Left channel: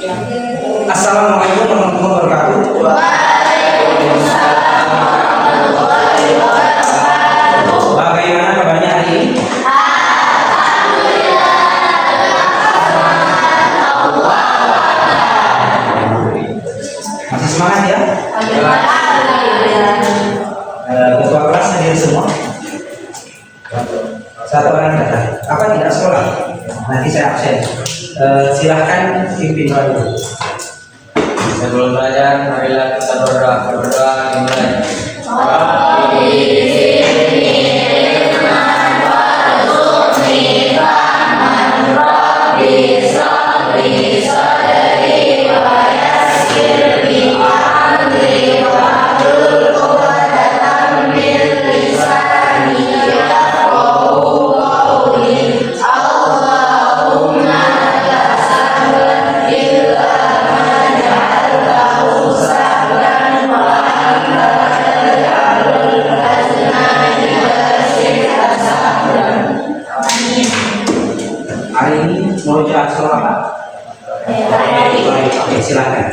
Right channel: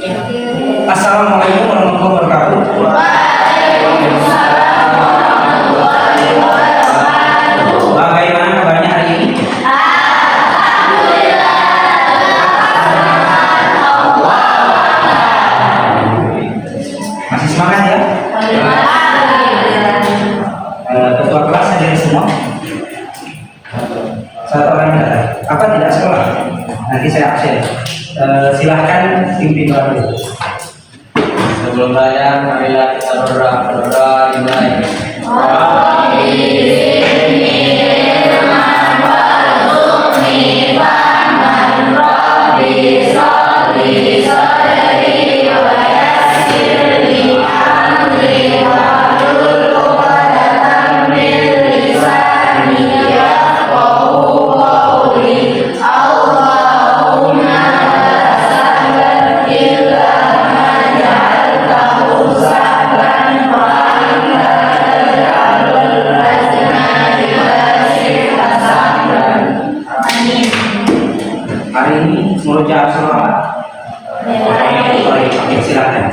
Assalamualaikum warahmatullahi wabarakatuh. Bagaimana kabarnya hari ini? Masih semangat ya? Ketua kelas hadir semua? Satu orang datang. Apa tidak sekolah? Nanti saya absen. Silahkan pimpin doa dulu. Sebelum belajar, marilah kita berdoa dimulai. Hari ini murojaah surah apa? Silakan.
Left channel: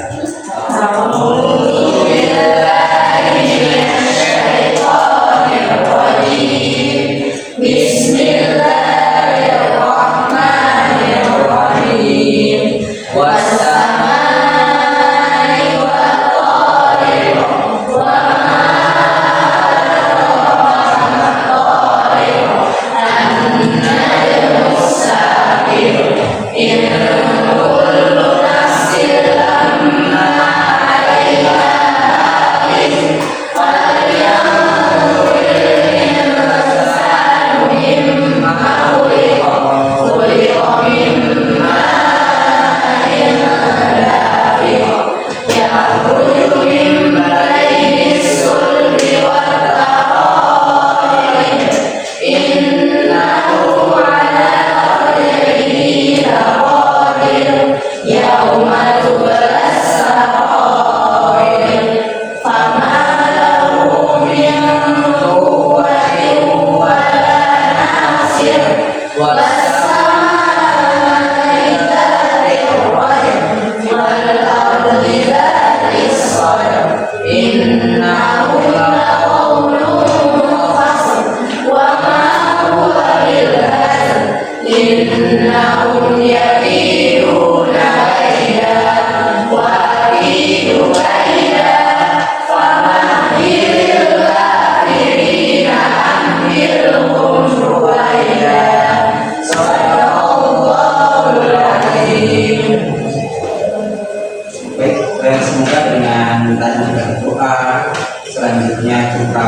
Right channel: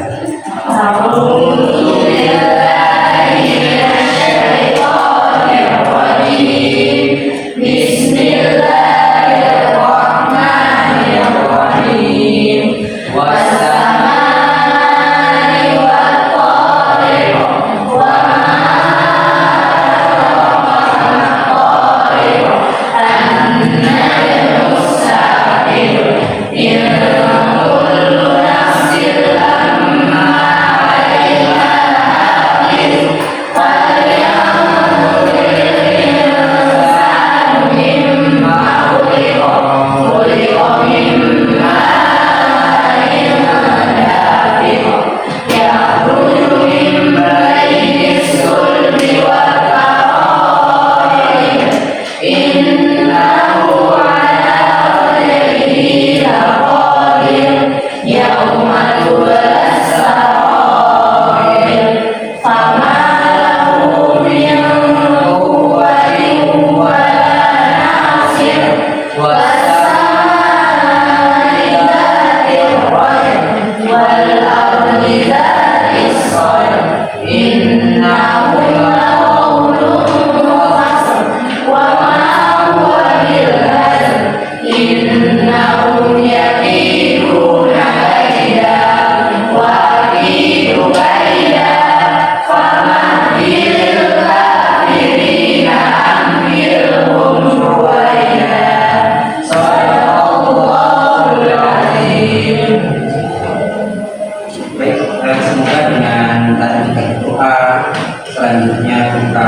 Semoga dengan tadi berdoa selanjutnya kita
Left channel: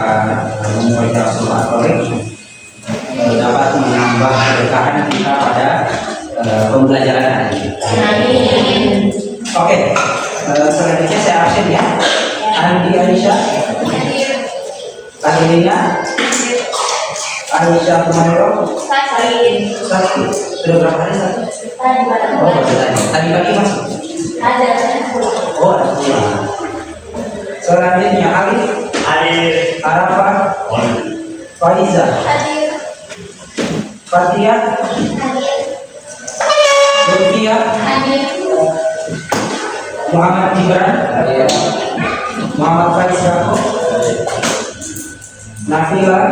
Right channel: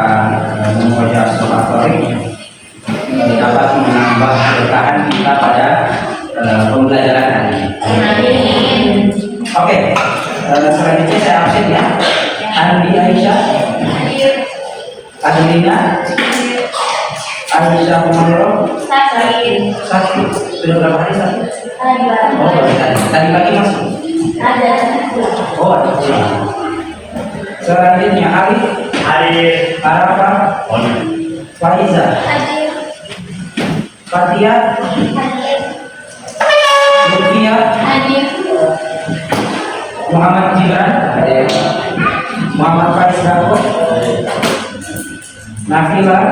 membaca surah Al-Qur'an dapat menambah keberkahan kita pada pembelajaran hari ini. Oke, selanjutnya saya absen ya. Andi Aisyah, Adelina, Aisyah Kumairo, sakit. Sudah berapa hari sakit? Oh, tadi pagi masuk. Oh, ada pulang. Selanjutnya Alif, Arafah, Faiza, Fatia, Lutfia, Muhammad Gibran, Muhammad Faiz Rako, Nafila,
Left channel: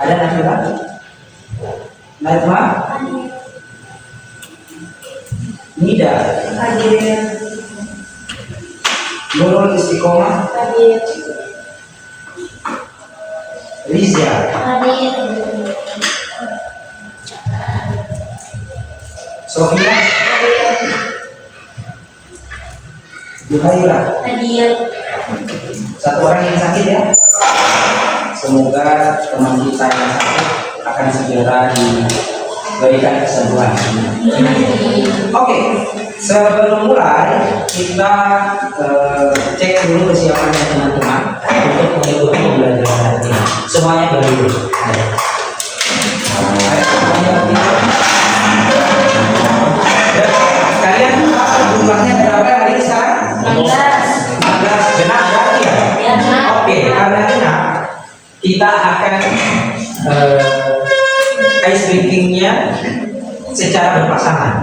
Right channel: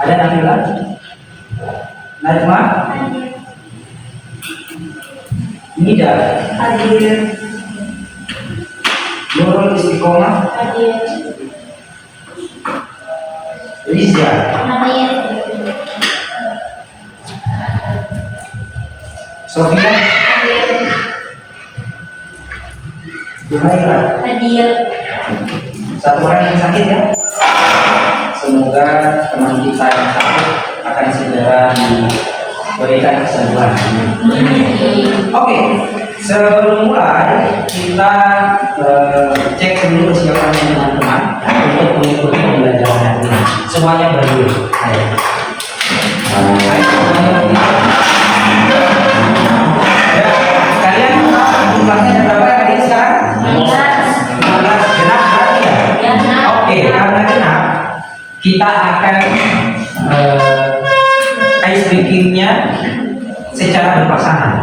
ada Nafila, Najma, Nida, Nurul Istiqomah, Liza, Sofia, Juhaira. Satu orang yang sakit ya. Semoga teman kita yang sakit akan segera diberikan kesembuhan. Oke, sebelum mulai kita cek dulu kesiapannya teman-teman untuk mengikuti pembelajaran hari ini. Semuanya berdiri. Ayo. Semuanya berdiri. Ya, kalian jumlahnya berapa hari ini sekarang? 16. Genap berarti ya? Oke, karena genap kita akan ice breakingnya secara berpasangan.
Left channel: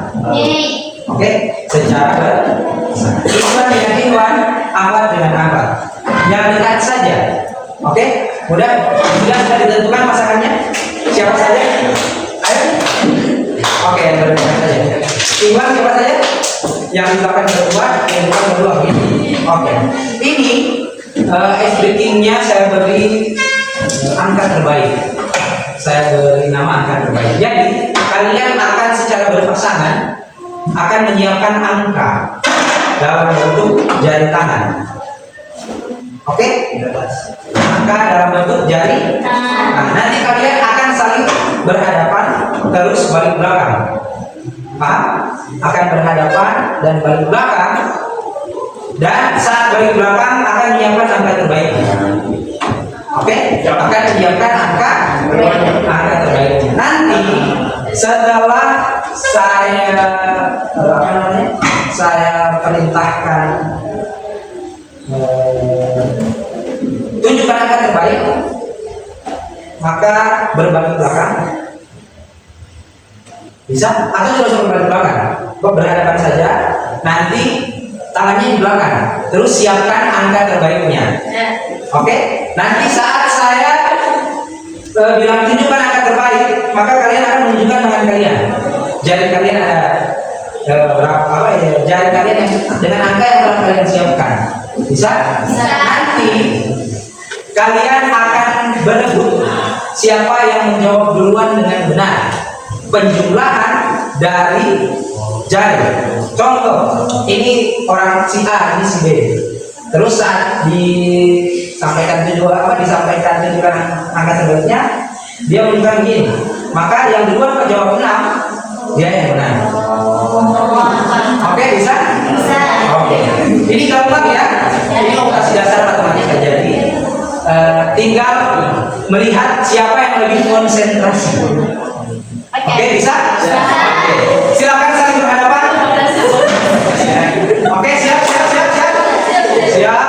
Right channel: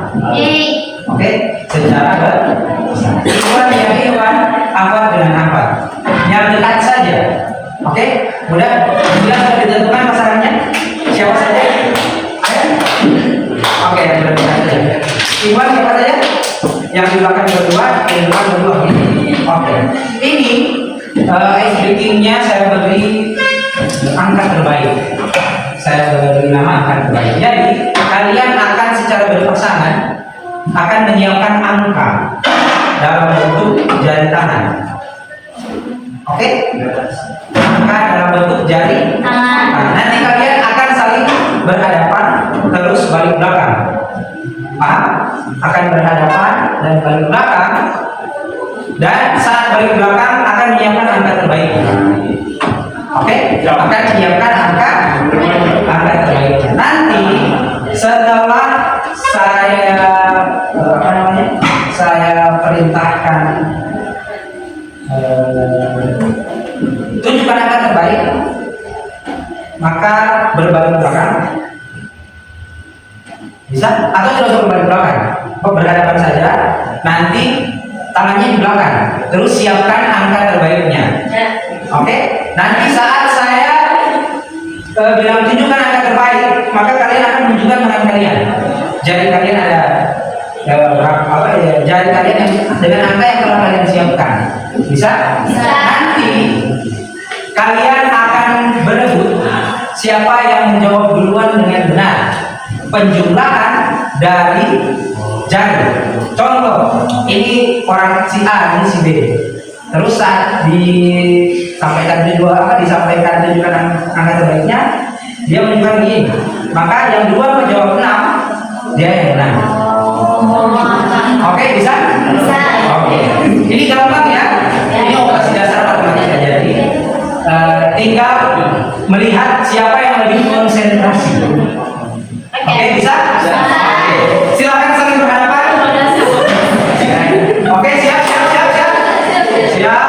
Oke, secara berpasangan. Ikhwan dengan ikhwan, akhwat dengan akhwat. Yang dekat saja. Oke, mudah. Jelas sudah ditentukan pasangannya. Siapa saja? Ayo. Oke, yang berdekat saja. Ikhwan siapa saja? Yang di belakang berdua, yang depan berdua. Oke. Ini ice breakingnya saya beri angka terbaik. Saya beri nama angka terbaik. Jadi kalian akan secara berpasangan akan menyiapkan angka dalam bentuk jari tangan. Oke? Angka dalam bentuk jari tangan. Nah, nanti kalian akan saling berhadapan terus balik belakang. Paham? Akan berhadapan dan balik belakang. Dan saat balik belakang akan menyiapkan angka terbaik. Oke? Akan menyiapkan angka terbaiknya. Nanti setelah saya saya perintahkan tunjukkan angka terbaik, maka berbalik belakang. Bisa? Atau tidak usah berbalik belakang, berhadapan saja. Nanti tangannya di belakang. Terus siapkan angka terbaiknya. Oke? Nanti saat saya bilang tunjukkan angka terbaik, maka kalian akan menunjukkan tangan kalian. Jari kalian ada jari kalian yang dengan angka yang telah kalian siapkan. Bisa? Nanti kalian akan berebut siapa yang menjawab duluan dengan benar. Penjumlahan dari jari. Contoh, ini orang si A, ini si B. Terus saat disampaikan tunjukkan angka terbaiknya, dia menunjukkan begini. Maka yang duluan menjawab 6, dia yang menang. Oke, bisa? Bisa. Oke. Ini gampang ya. Ini operasi dasar matematika. Jadi tinggal melihat siapa yang lebih konsentrasi. Oke, bisa? Oke. Silakan saling berhadapan. Oke, siap. Siap.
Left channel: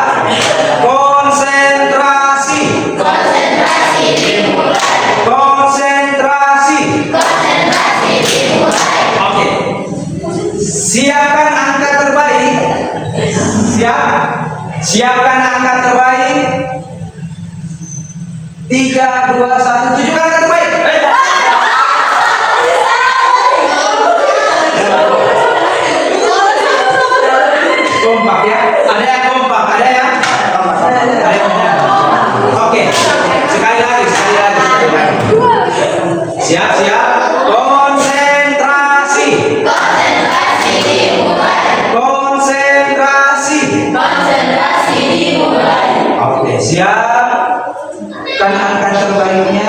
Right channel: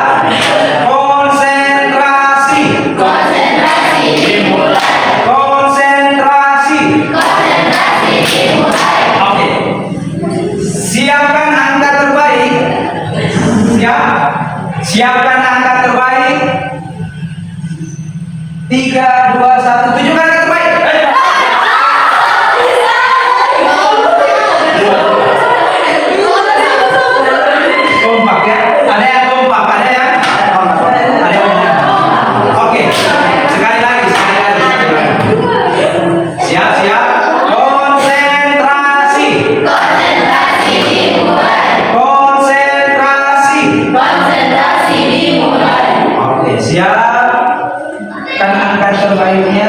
Konsentrasi. Oke. Siapkan angka terbaik. Siapkan angka terbaik. 3, 2, 1. Tunjukkan angka terbaik. Ayo. Kompak ya. Ada yang kompak, ada yang benar. Oke. Sekali lagi. Siap. Konsentrasi dimulai. Oke, siapkan angka terbaiknya.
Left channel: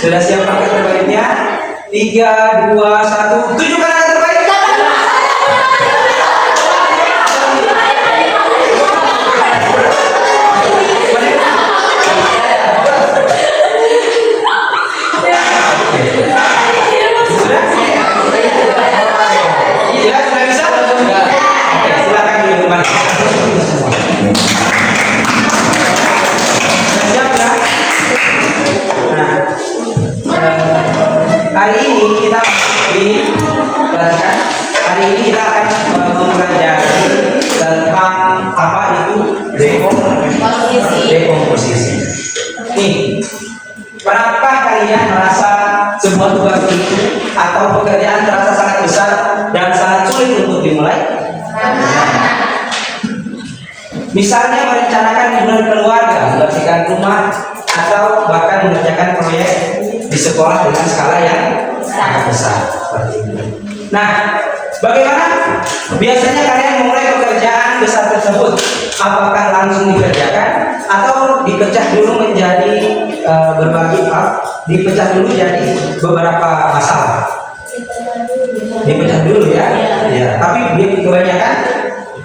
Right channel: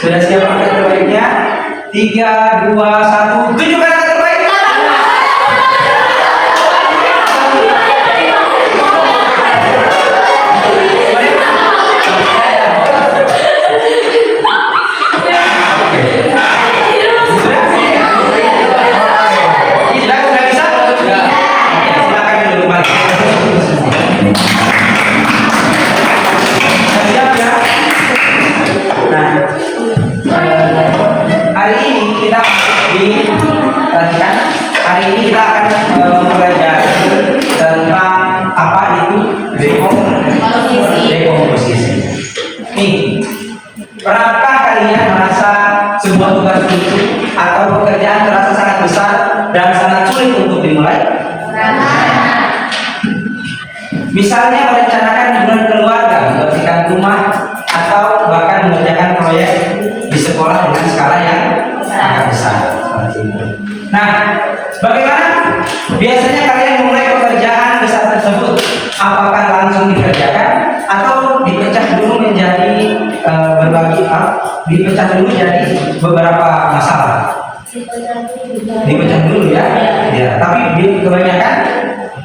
Sudah siap angka terbaiknya? 3, 2, 1. Tunjukkan angka terbaik. Hari ini kita akan mempelajari tentang apa itu dekomposisi. Nih, pernahkah kalian merasa sebuah tugas itu atau pekerjaan terasa sangat besar dan sangat sulit untuk dimulai? Misalnya merencanakan hubungan keluarga, membersihkan rumah, atau bahkan mengerjakan proyek di sekolah dengan skala yang sangat besar. Nah, bagaimana biasanya kalian memulai pekerjaan besar tersebut? Apakah langsung dikerjakan atau dipecah dulu menjadi dipecah dulu jadi beberapa masalah? Dipecah dulu ya. Tapi kebanyakan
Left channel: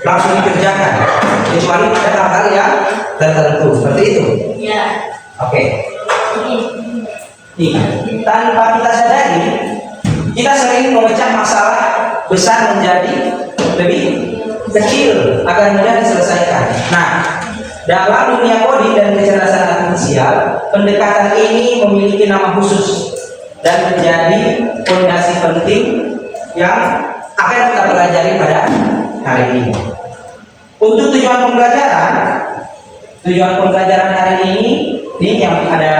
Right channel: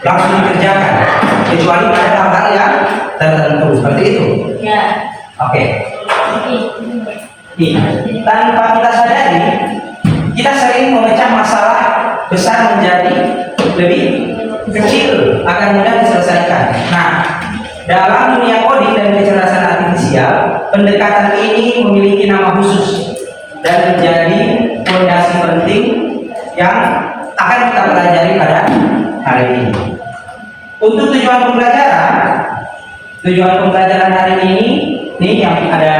langsung dikerjakan, kecuali pada hal-hal yang tertentu seperti itu. Oke. Tanpa kita sadari, kita sering memecah masalah besar menjadi lebih kecil agar mudah diselesaikan. Nah, dalam dunia coding dan kecerdasan artifisial, pendekatan ini memiliki nama khusus dan menjadi fondasi penting yang akan kita Untuk tujuan pembelajaran hari ini yang ada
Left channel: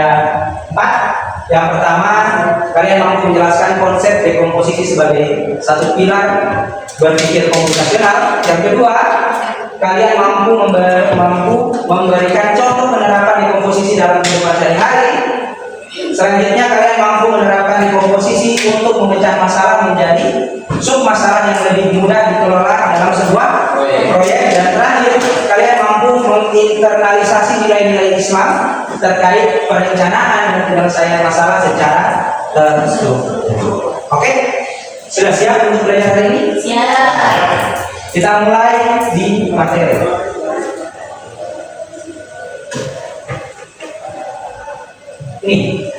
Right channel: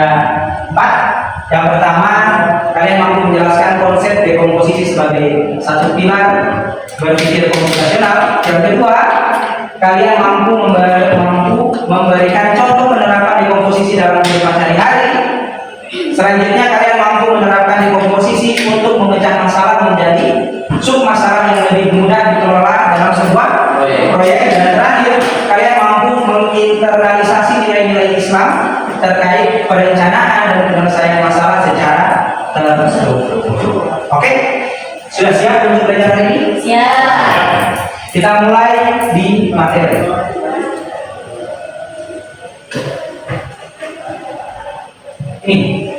4. Yang pertama, kalian mampu menjelaskan konsep dekomposisi sebagai satu pilar berpikir komputasional. Yang kedua, kalian mampu memberikan contoh penerapan dekomposisi dalam kehidupan sehari-hari. Selanjutnya, kalian mampu menerapkan dekomposisi untuk memecah masalah menjadi sub masalah yang lebih mudah dikelola dalam sebuah proyek. Dan terakhir, kalian mampu menginternalisasi nilai-nilai Islam terkait perencanaan dan penyelesaian masalah secara terstruktur. Oke? Sudah siap untuk belajar hari ini? Siap. Kita mulai di materi. Ini.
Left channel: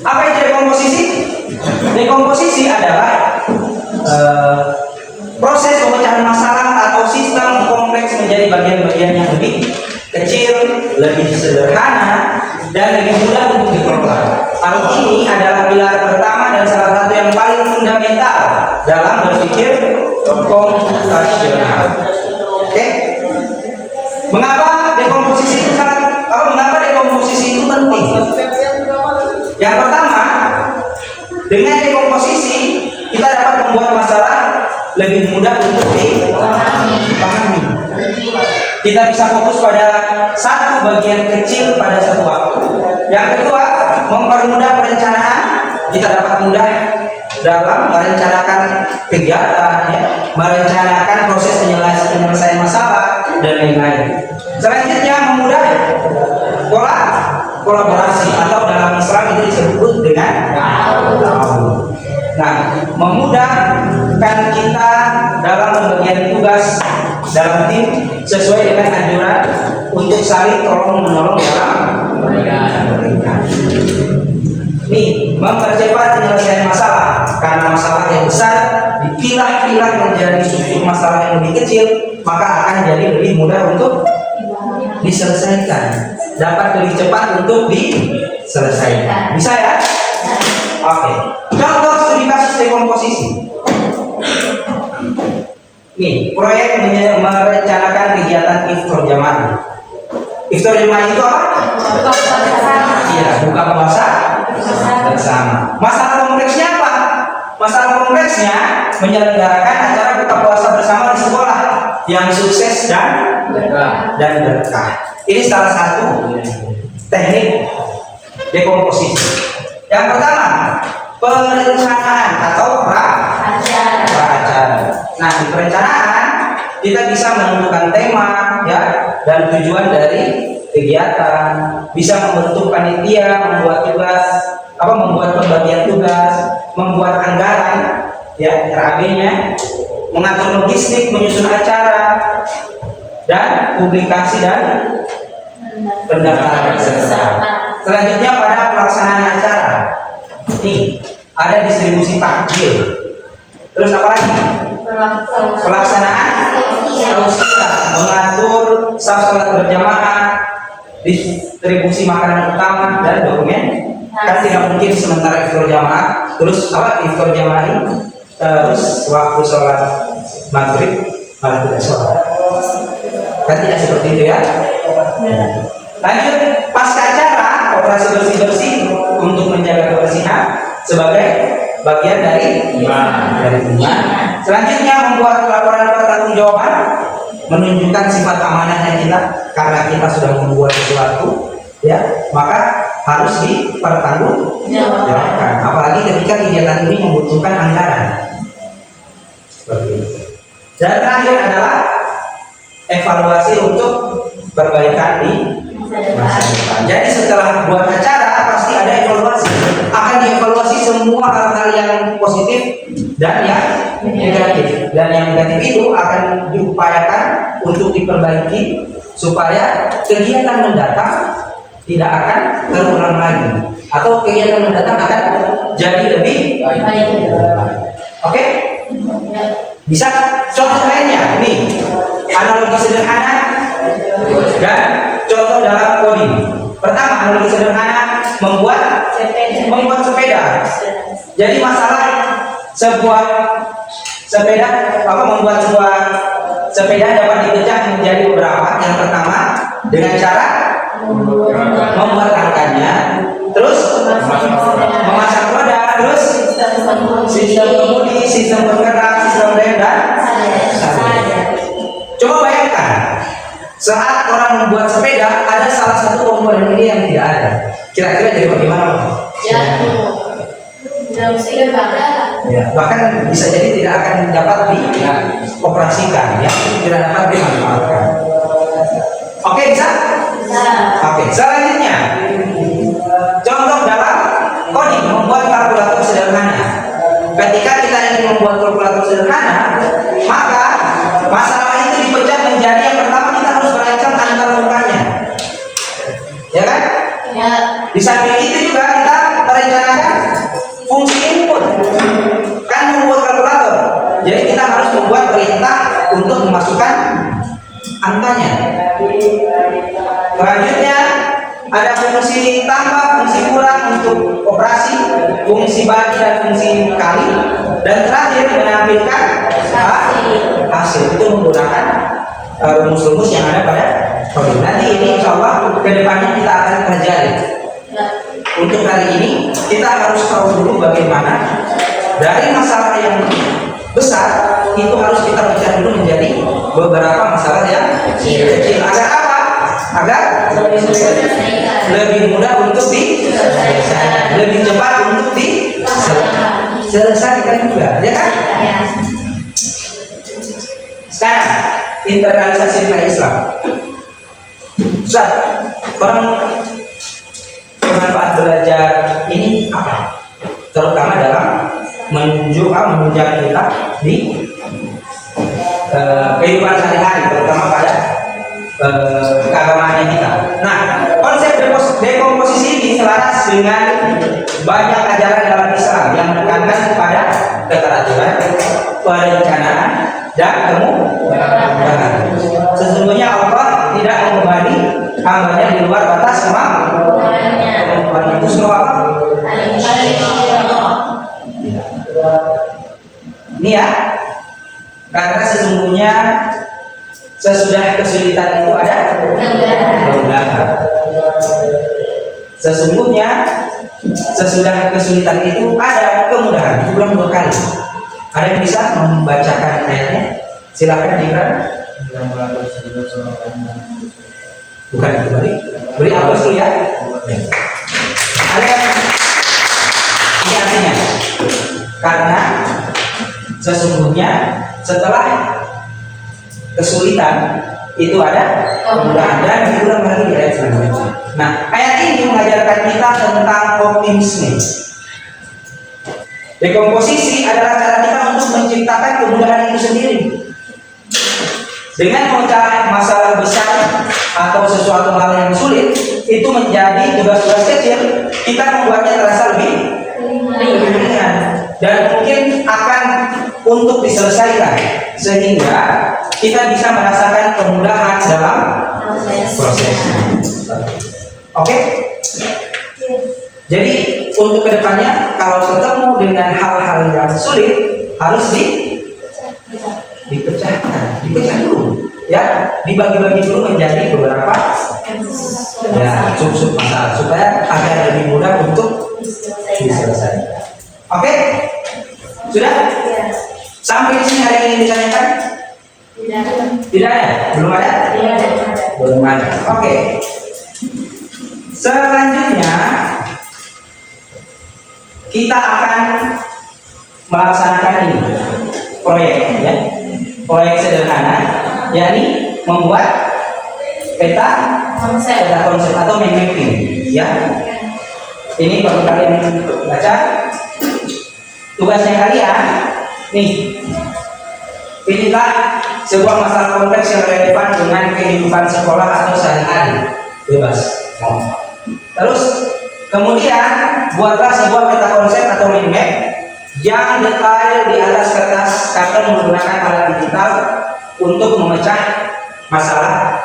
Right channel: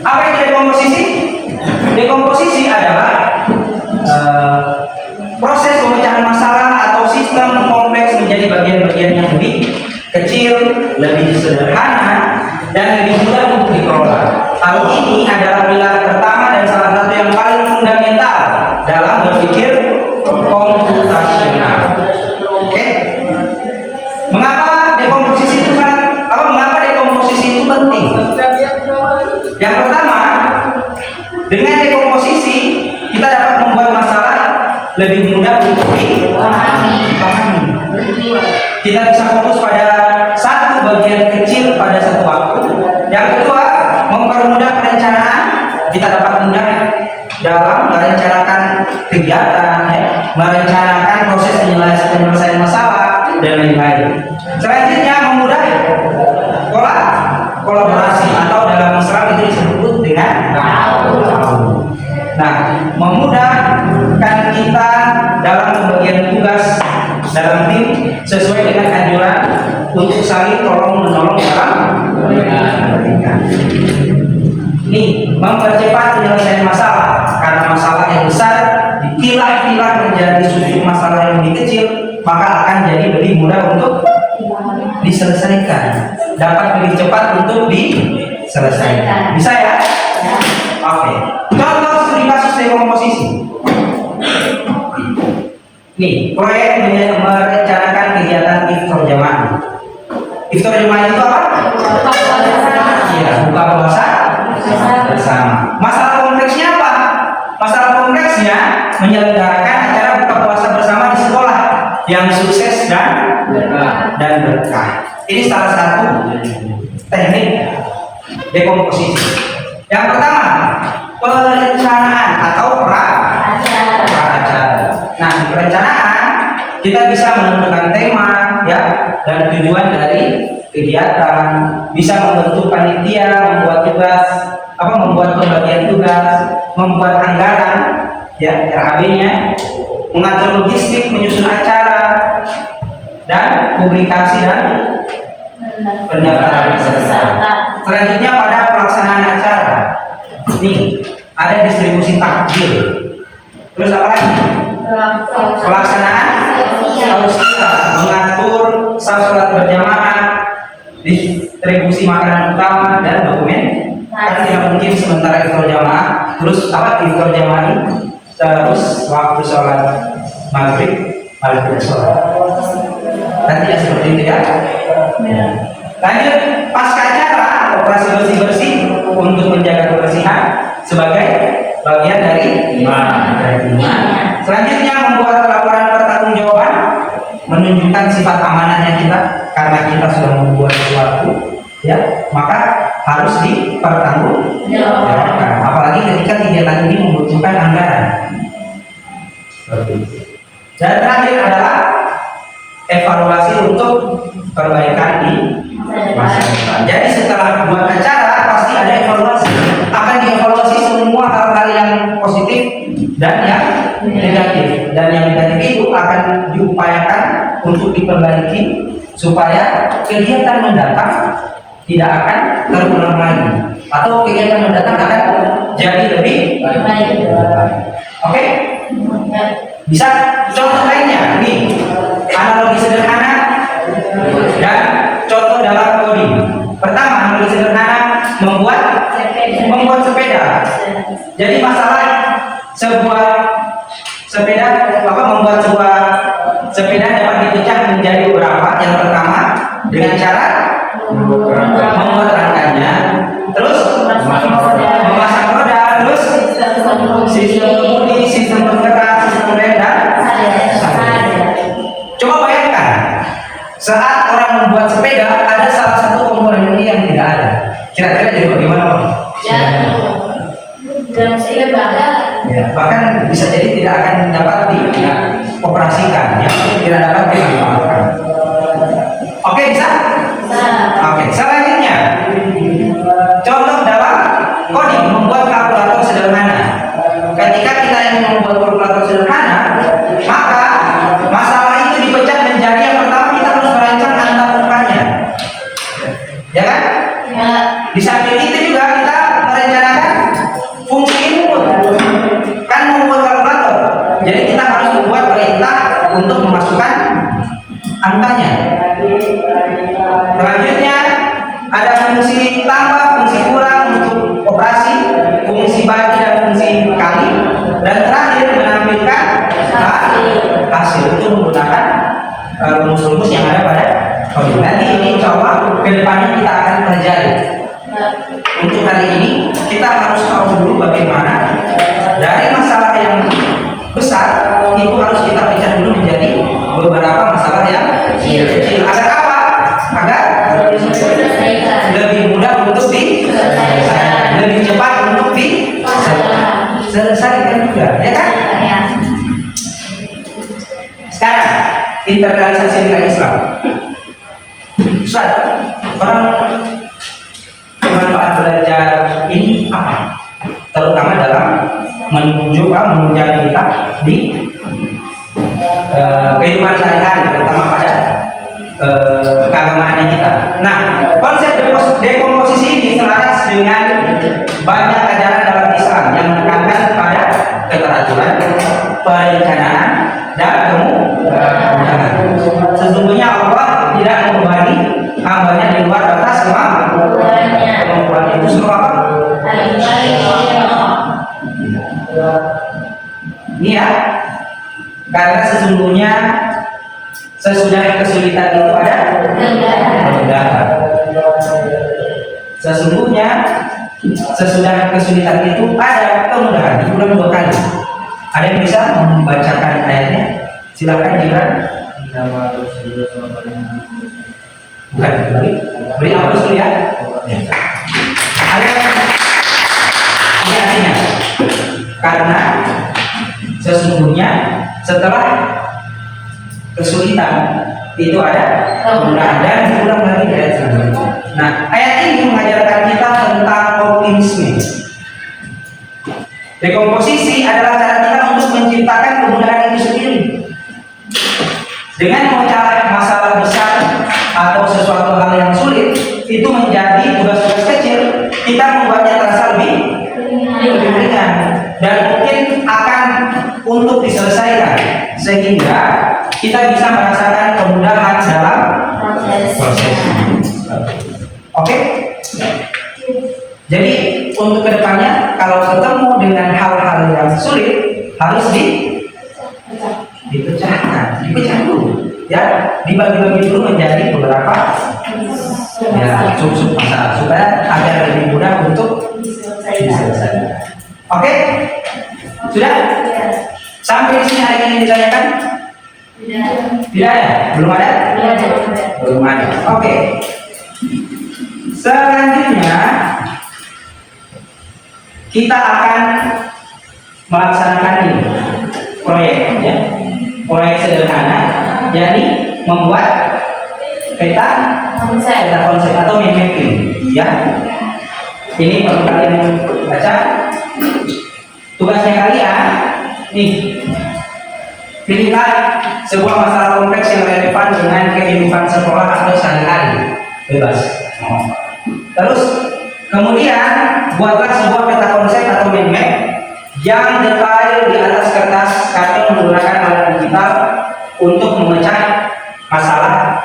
Apa itu dekomposisi? Dekomposisi adalah proses pemecahan masalah atau sistem kompleks menjadi bagian-bagian yang lebih kecil, lebih sederhana, dan lebih mudah untuk dikelola. Hal ini adalah pilar pertama dan salah satu yang paling fundamental dalam berpikir komputasional. Oke? Mengapa dekomposisi itu penting? Yang pertama, dengan dekomposisi kita dapat membuat masalah lebih mudah untuk dipahami. Kita bisa fokus pada satu bagian kecil pada satu waktu. Yang kedua, mempermudah perencanaan. Kita dapat mudah dalam merencanakan kegiatan, merencanakan proses penyelesaian masalah dan lain-lain. Selanjutnya, memudah kolaborasi atau dalam Islam itu disebut dengan memudahkan kita dalam pembagian tugas dalam tim sesuai dengan anjuran untuk saling tolong menolong dalam memberikan. Nih, mempercepat penyelesaian masalah karena masalah yang besar dipilah-pilah menjadi susun masalah yang lebih kecil, maka akan jadi lebih mudah untuk diselesaikan, dapat lebih cepat untuk diselesaikan. Bisa ya? Oke. Contoh studi kasus dekomposisi. Nih, proyek merencanakan kegiatan iftar jamaah. Iftar jamaah itu apa? Iya, buka puasa bersama. Masalah kompleksnya apa? Masalah kompleksnya menyelenggarakan acara buka puasa bersama di sekolah yang sukses dan berkah. Ini salah satu teknik dekomposisi. Yang pertama, perencanaan atau pra-acara. Nah, di perencanaan kita bisa menentukan tema, ya, dan tujuan dari kegiatan, bisa membentuk panitia, membuat pembagian tugas, membuat anggaran, ya, RAB-nya, mengatur logistik, menyusun acara, dan publikasi dan pendaftaran peserta. Selanjutnya pada pelaksanaan acara, nih ada distribusi takjil. Terus apa lagi? Pelaksanaan tausiah, mengatur salat berjamaah, distribusi makanan utama dan dokumen. Kan tidak mungkin sementara iftar jamaah, terus iftar jamaah ini, terus waktu sholat maghrib malah tidak sholat. Kan tidak seperti itu ya. Lanjut, pasca acara operasi bersih-bersih untuk menjaga kebersihan sebagai bagian dari iman. Selanjutnya membuat laporan pertanggungjawaban, menunjukkan sifat amanahnya kita karena kita sudah membuat sesuatu, ya, maka harus dipertanggungjawabkan. Apalagi ketika kegiatan ini membutuhkan anggaran. Seperti itu. Dan terakhir adalah evaluasi untuk perbaikan di masa depan. Jadi setelah buat acara pasti ada evaluasi. Akan dievaluasi semua hal-hal yang positif dan yang negatif. Dan yang negatif itu akan diupayakan untuk diperbaiki supaya kegiatan mendatang tidak akan terulang lagi, atau kegiatan mendatang akan jadi lebih baik. Oke? Bisa contoh lainnya, nih analogi sederhana dan contoh dalam coding. Pertama, analogi sederhana, membuat sepeda. Jadi masalah sebuah sepeda membuat sebuah sepeda dapat dipecah menjadi beberapa. Yang pertama dengan cara membuat rangkanya, terus memasang roda, terus sistem kemudi, sistem bergerak, sistem rem dan coba bayangkan saat orang membuat sepeda ada salah satu komponen ini yang tidak ada, kira-kira jadi bagaimana Pak? Ya, bahkan bisa jadi tidak akan dapat dioperasikan, ya, tidak dapat dimanfaatkan. Oke, bisa? Oke, selanjutnya contoh dalam coding membuat kalkulator sederhana. Ketika kita ingin membuat kalkulator sederhana, maka masalah itu dipecah menjadi yang pertama kita harus merancang antar angkanya, ya kan? Ya. Di samping itu juga kita merencanakan fungsi input, kan membuat kalkulator. Jadi kita harus membuat perintah untuk memasukkan angkanya. Selanjutnya ada fungsi tambah, fungsi kurang untuk operasi, fungsi bagi dan fungsi kali, dan terakhir menampilkan hasil itu menggunakan rumus-rumus yang ada pada coding. Nanti ini insya Allah kedepannya kita akan pelajari. Untuk hari ini kita harus tahu dulu bagaimana dari masalah yang besar itu harus kita pecah dulu menjadi beberapa masalah yang kecil. Agar apa? Agar lebih mudah untuk diselesaikan, lebih cepat untuk diselesaikan juga, ya kan? Sekarang internalisasi nilai Islam. Ustaz, bermanfaat belajar ini apa? Terutama dalam menunjang kita di kehidupan sehari-hari, terutama pada keagamaan kita. Nah, konsep dekomposisi ini selaras dengan banyak ajaran dalam Islam yang menekankan pada keteraturan, perencanaan, dan kemudahan. Sesungguhnya Allah tidak membebani hambanya di luar batas kemampuan. Itu surah apa? Ini ya, karena sesungguhnya sesudah kesulitan itu ada kemudahan. Sesungguhnya sesudah kesulitan itu ada kemudahan. Diulang 2 kali. Ada yang bisa membacakan ayatnya? Silakan Gibran. Bukan beri hapus dulu ya. Ada yang ini artinya karena sesungguhnya setelah kesulitan itu ada kemudahan, dan diulang lagi di ayat selanjutnya. Nah, ayat ini mengajarkan kita tentang optimisme. Dekomposisi adalah cara kita untuk menciptakan kemudahan itu sendiri. Dengan memecah masalah besar atau sesuatu hal yang sulit itu menjadi tugas-tugas kecil, kita membuatnya terasa lebih ringan dan mungkin akan untuk diselesaikan, sehingga kita bisa merasakan kemudahan dalam proses. Oke? Jadi untuk kedepannya kalau ketemu dengan hal-hal yang sulit harus dipecah dulu, ya, dibagi-bagi dulu menjadi beberapa ya sub-sub masalah supaya agar lebih mudah untuk diselesaikan. Oke? Sudah? Sampai di sini ada yang ingin ditanyakan? Tidak ada? Belum ada? Belum ada. Oke. Selanjutnya kita akan melaksanakan ini proyek, ya. Proyek sederhana, yakni membuat peta konsep atau mind mapping, ya. Ini perlu kalian baca. Tugasnya kalian nih, pilihlah sebuah masalah kompleks yang relevan dengan kehidupan sekolah atau sehari-hari, bebas. Terus kemudian buatlah sebuah peta konsep atau mind map yang detail di atas kertas karton menggunakan alat digital untuk memecah masalah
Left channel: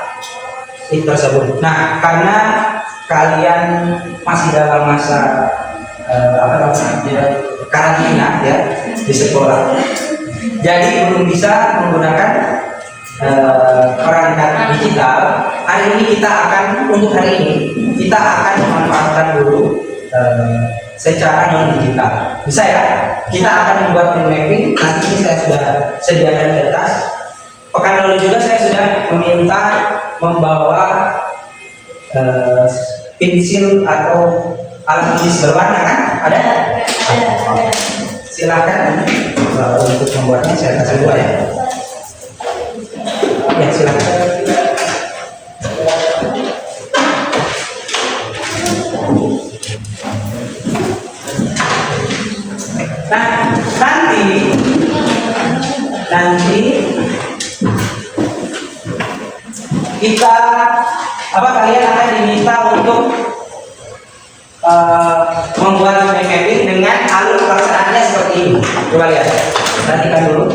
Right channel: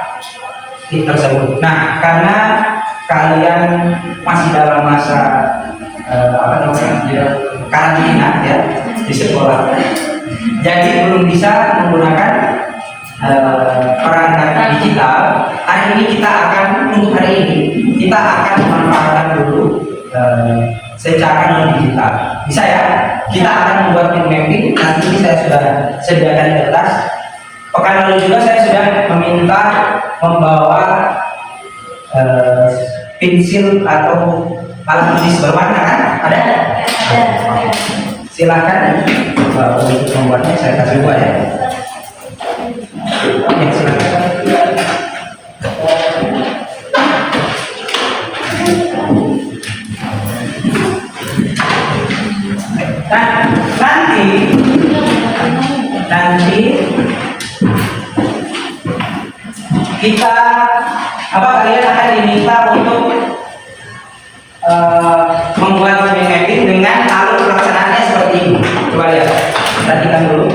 tersebut. Nah, karena kalian masih dalam masa karantina ya di sekolah, jadi belum bisa menggunakan perangkat digital. Hari ini kita akan memanfaatkan dulu secara non digital. Bisa ya? Kita akan membuat mind mapping. Nanti ini saya sudah sediakan kertas. Pekan lalu juga saya sudah meminta membawa pensil atau alat tulis berwarna, kan? Ada? Silahkan untuk membuatnya saya kasih dua ya. Ya, silahkan. Nah, nanti kita kalian akan diminta untuk membuat mind mapping dengan alur pelaksanaannya seperti ini. Coba lihat, perhatikan dulu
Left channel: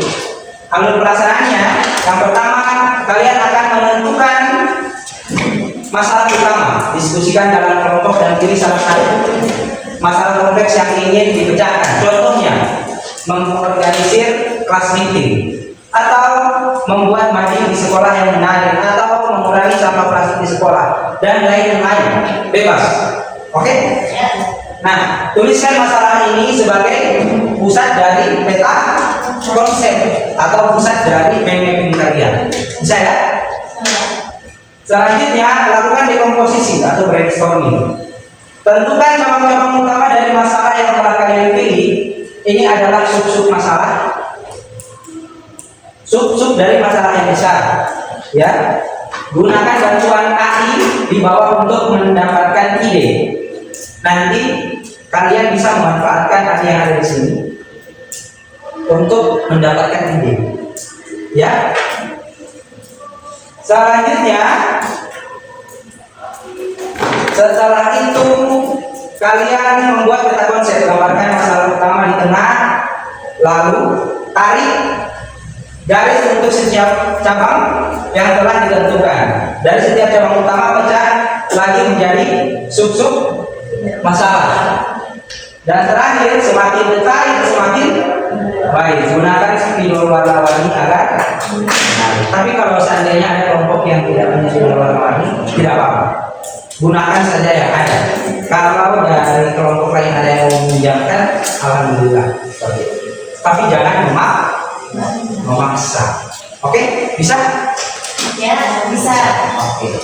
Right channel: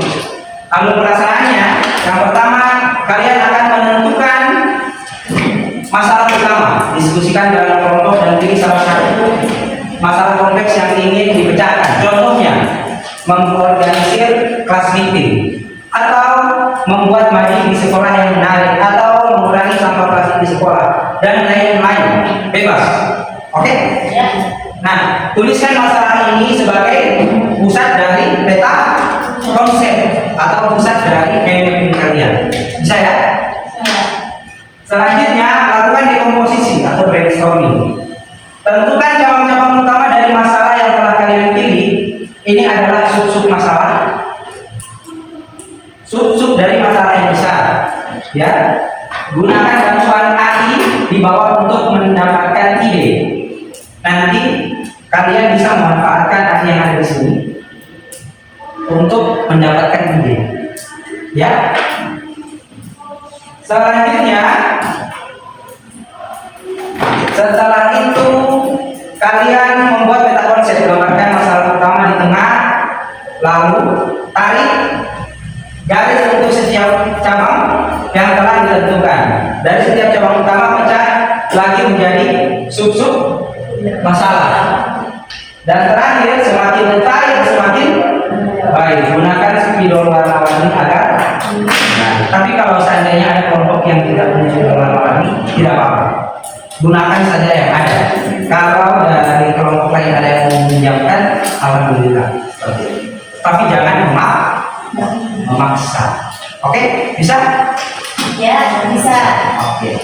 alur pelaksanaannya. Yang pertama, kalian akan menentukan masalah utama, diskusikan dalam kelompok dan pilih salah satu masalah kompleks yang ingin dipecahkan. Contohnya, mengorganisir kelas meeting, atau membuat maji di sekolah yang menarik, atau mengurangi sampah plastik di sekolah, dan lain-lain. Bebas. Oke? Nah, tuliskan masalah ini sebagai pusat dari peta konsep atau pusat dari mind mapping kalian. Bisa ya? Selanjutnya, lakukan dekomposisi atau brainstorming. Tentukan cabang-cabang utama dari masalah yang telah kalian pilih. Ini adalah sub-sub masalah, sub-sub dari masalah yang besar. Ya, gunakan bantuan AI di bawah untuk mendapatkan ide. Nanti kalian bisa memanfaatkan AI yang ada di sini untuk mendapatkan ide. Ya. Selanjutnya, setelah itu kalian membuat peta konsep, menggambarkan masalah utama di tengah, lalu tarik garis untuk setiap cabang yang telah ditentukan. Dari setiap cabang utama pecah lagi menjadi sub-sub masalah. Dan terakhir, semakin detail semakin baik. Gunakan spidol warna-warni agar tapi kalau seandainya ada kelompok yang tidak punya spidol warna-warni, tidak apa-apa, gunakan saja yang ada. Kalau dari kelompok lain ada yang meminjamkan, alhamdulillah, seperti itu. Tapi jangan memaksa. Oke, bisa? Ya, bisa. Oke.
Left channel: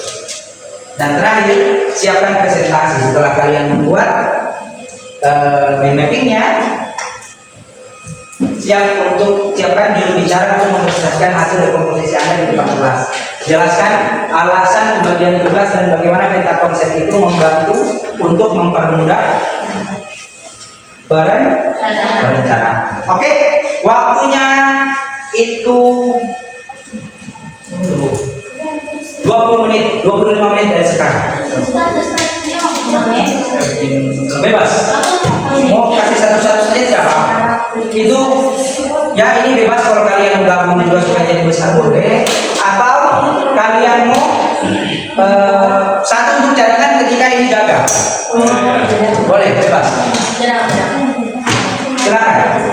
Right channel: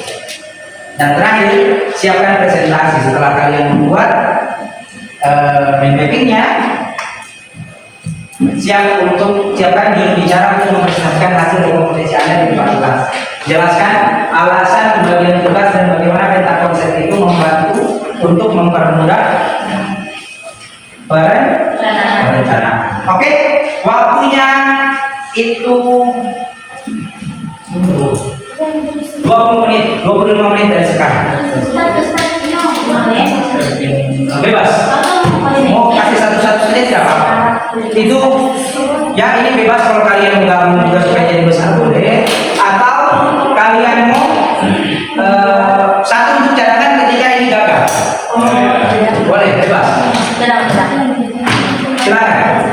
Dan terakhir, siapkan presentasi. Setelah kalian membuat mind mappingnya, siapkan juru bicara untuk mempresentasikan hasil dekomposisi Anda di depan kelas. Jelaskan alasan pembagian tugas dan bagaimana peta konsep itu membantu untuk mempermudah perencanaan. Oke, waktunya itu 20 menit, 25 menit dari sekarang. Bebas. Mau kasih satu-satu saja siapa? Itu ya, ini bebas. Kalau kalian gabung juga supaya jadi besar boleh, atau kalian mau satu untuk cadangan ketika ini gagal. Boleh, bebas. Silakan.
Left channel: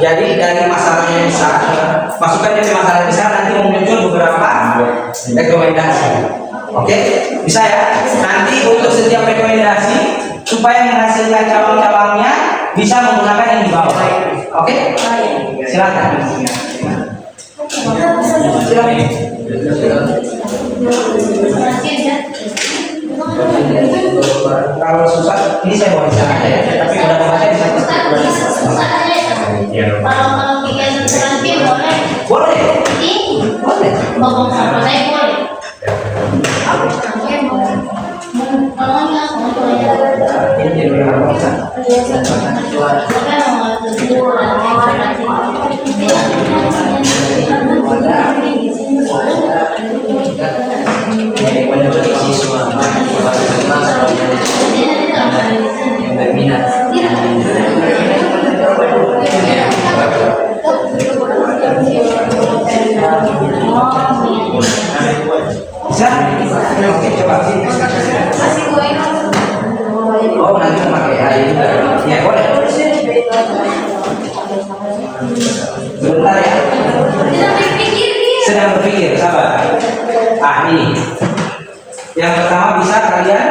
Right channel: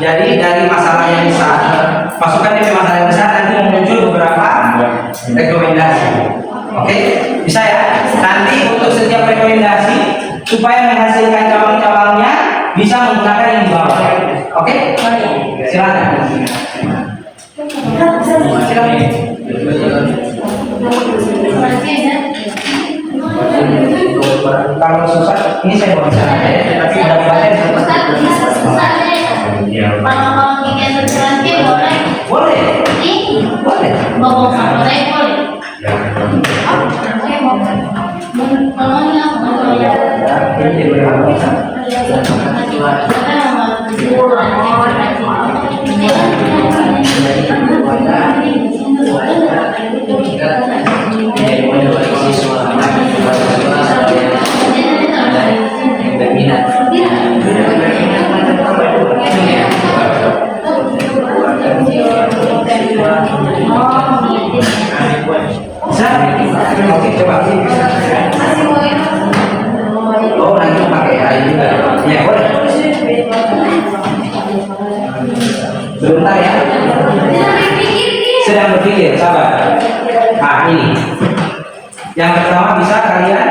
Jadi dari masalah yang besar, masukkan DP masalah yang besar, nanti muncul beberapa rekomendasi. Oke, bisa ya? Nanti untuk setiap rekomendasi supaya menghasilkan cabang-cabangnya bisa menggunakan yang di bawah. Oke? Silakan. Silakan. Kalau susah, ini saya buat sana aja ya. Tapi mudah-mudahan boleh. Boleh. Ini jadi Oke, coba. Oh, nanti pakai air juga. Ya, boleh. Bentar ya. Sedang berpikir, sabar. Nah, ini. Yang pertama bisa kalian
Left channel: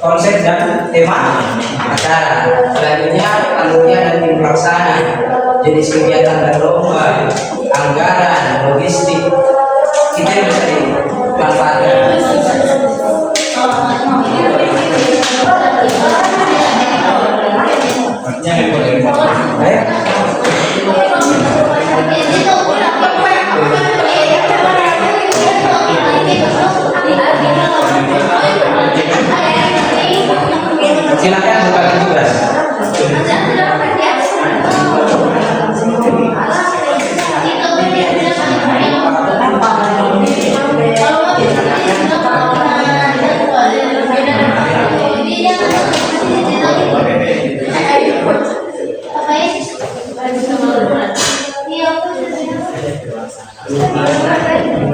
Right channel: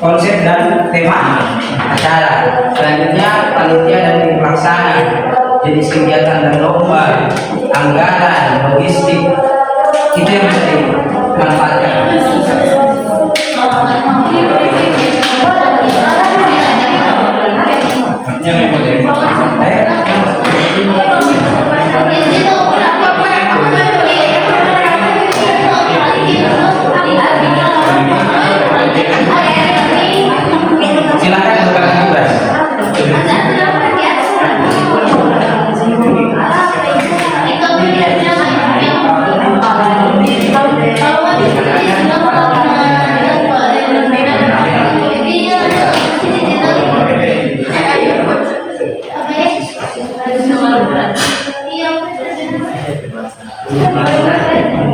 konsep dan tema acara. Selanjutnya panitia dan tim pelaksana, jenis kegiatan dan lomba, anggaran, logistik. Itu yang bisa dimanfaatkan. Silakan bukakan tugas.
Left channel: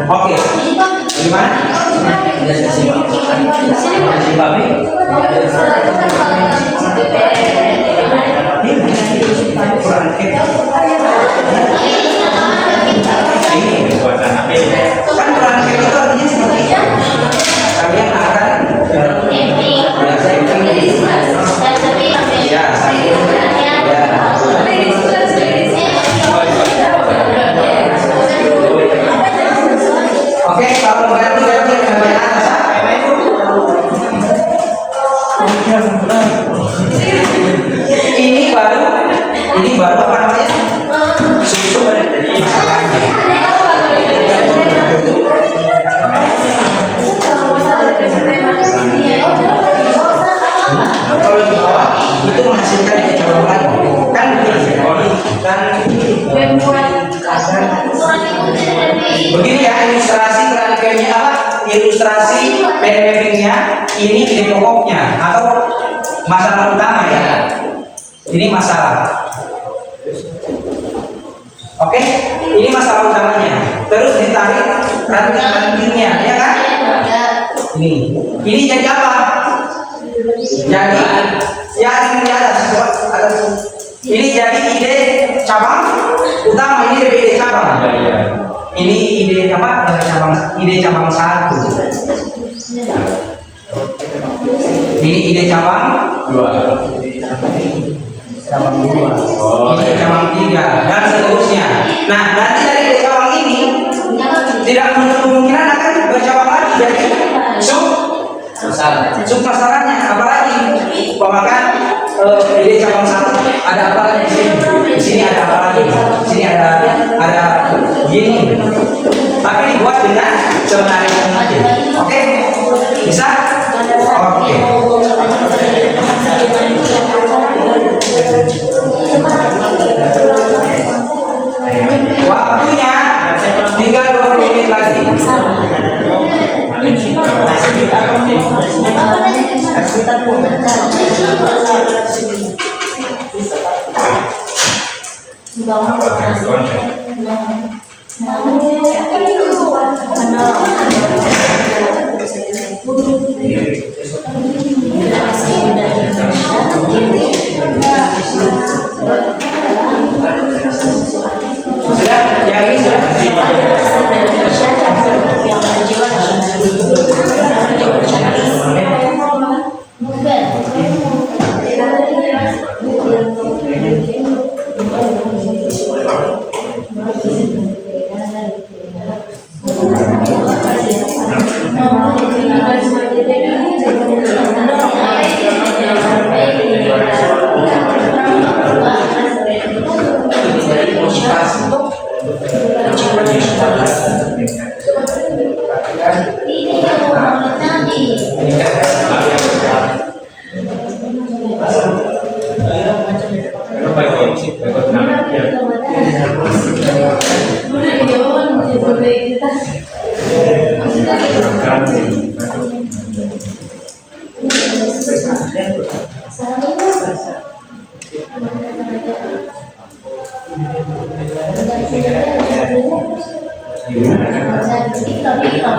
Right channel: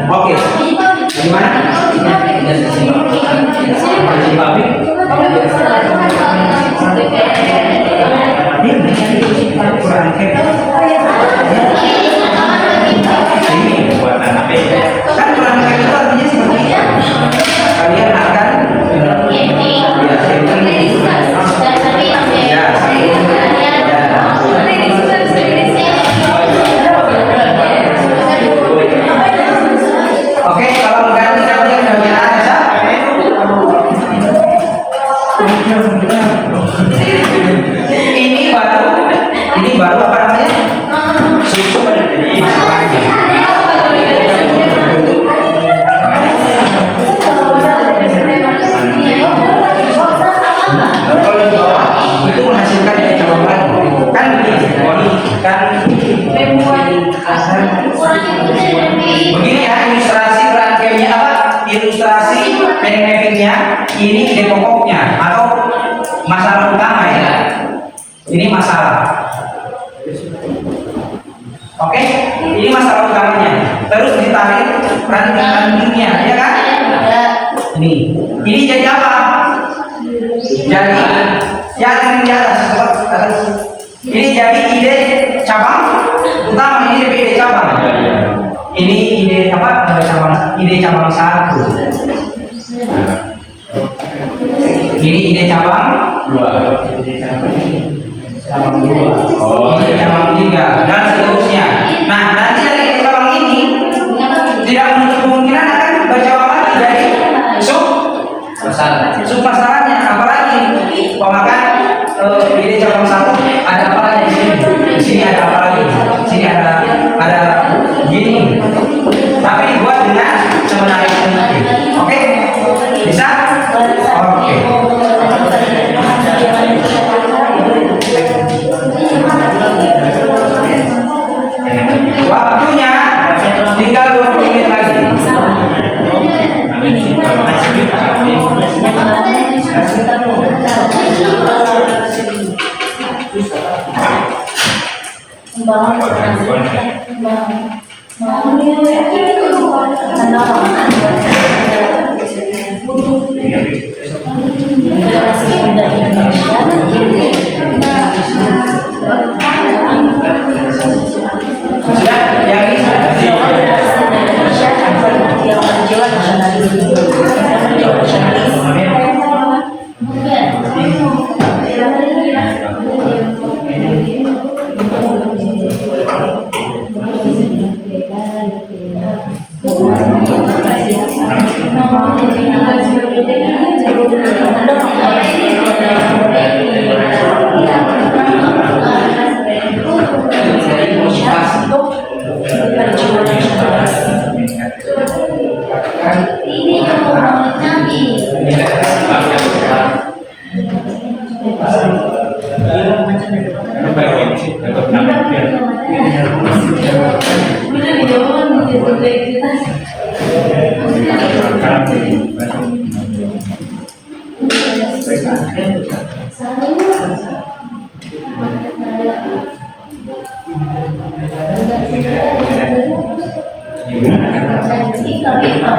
Oke, gimana? Kan Quran Camp itu artinya seperti kalian akan Oke, kalau ganti kalian bagian atas ya. Ini baru apa namanya? Susu masalahnya. Kalau di bawah itu menghasilkan cabang lagi. Kan begini ya, ilustrasi rangkaiannya apa? Ilustrasi pen mappingnya ini ide pokoknya atau masalah utama ya. Ini masalah. Oke, ini masalah utamanya. Terus ditarik ranting-rantingnya, ya kan? Ini jadi apa? Jadi yang di atas. Ini jadi ide cabang utama, ini ide cabang. Ini ide apa? Ide cabang 1. Ini ide cabang 2. Cabang 2. Ide cabang 3 dan seterusnya. Nah, nanti dari ide cabang ini tidak menutup kemungkinan akan bercabang lagi jadi sub masalahnya. Apalagi pemakan ide cabang 1 ada apa lagi di sini? Di sini ada apa lagi? Di sini ada gini. Tapi dibuat dengan semenarik mungkin. Oke? Bisa? Oke. Waktunya tinggal 20 menit lagi.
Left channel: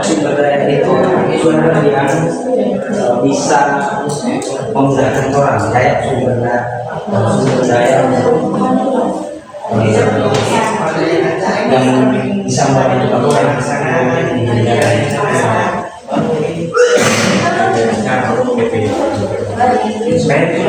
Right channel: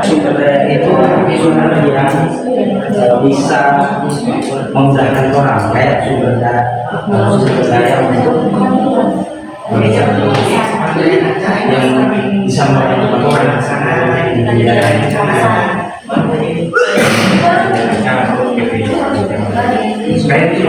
Sumber daya itu sumber yang bisa memudahkan orang, kayak sumber daya yang bisa membantu orang di supaya itu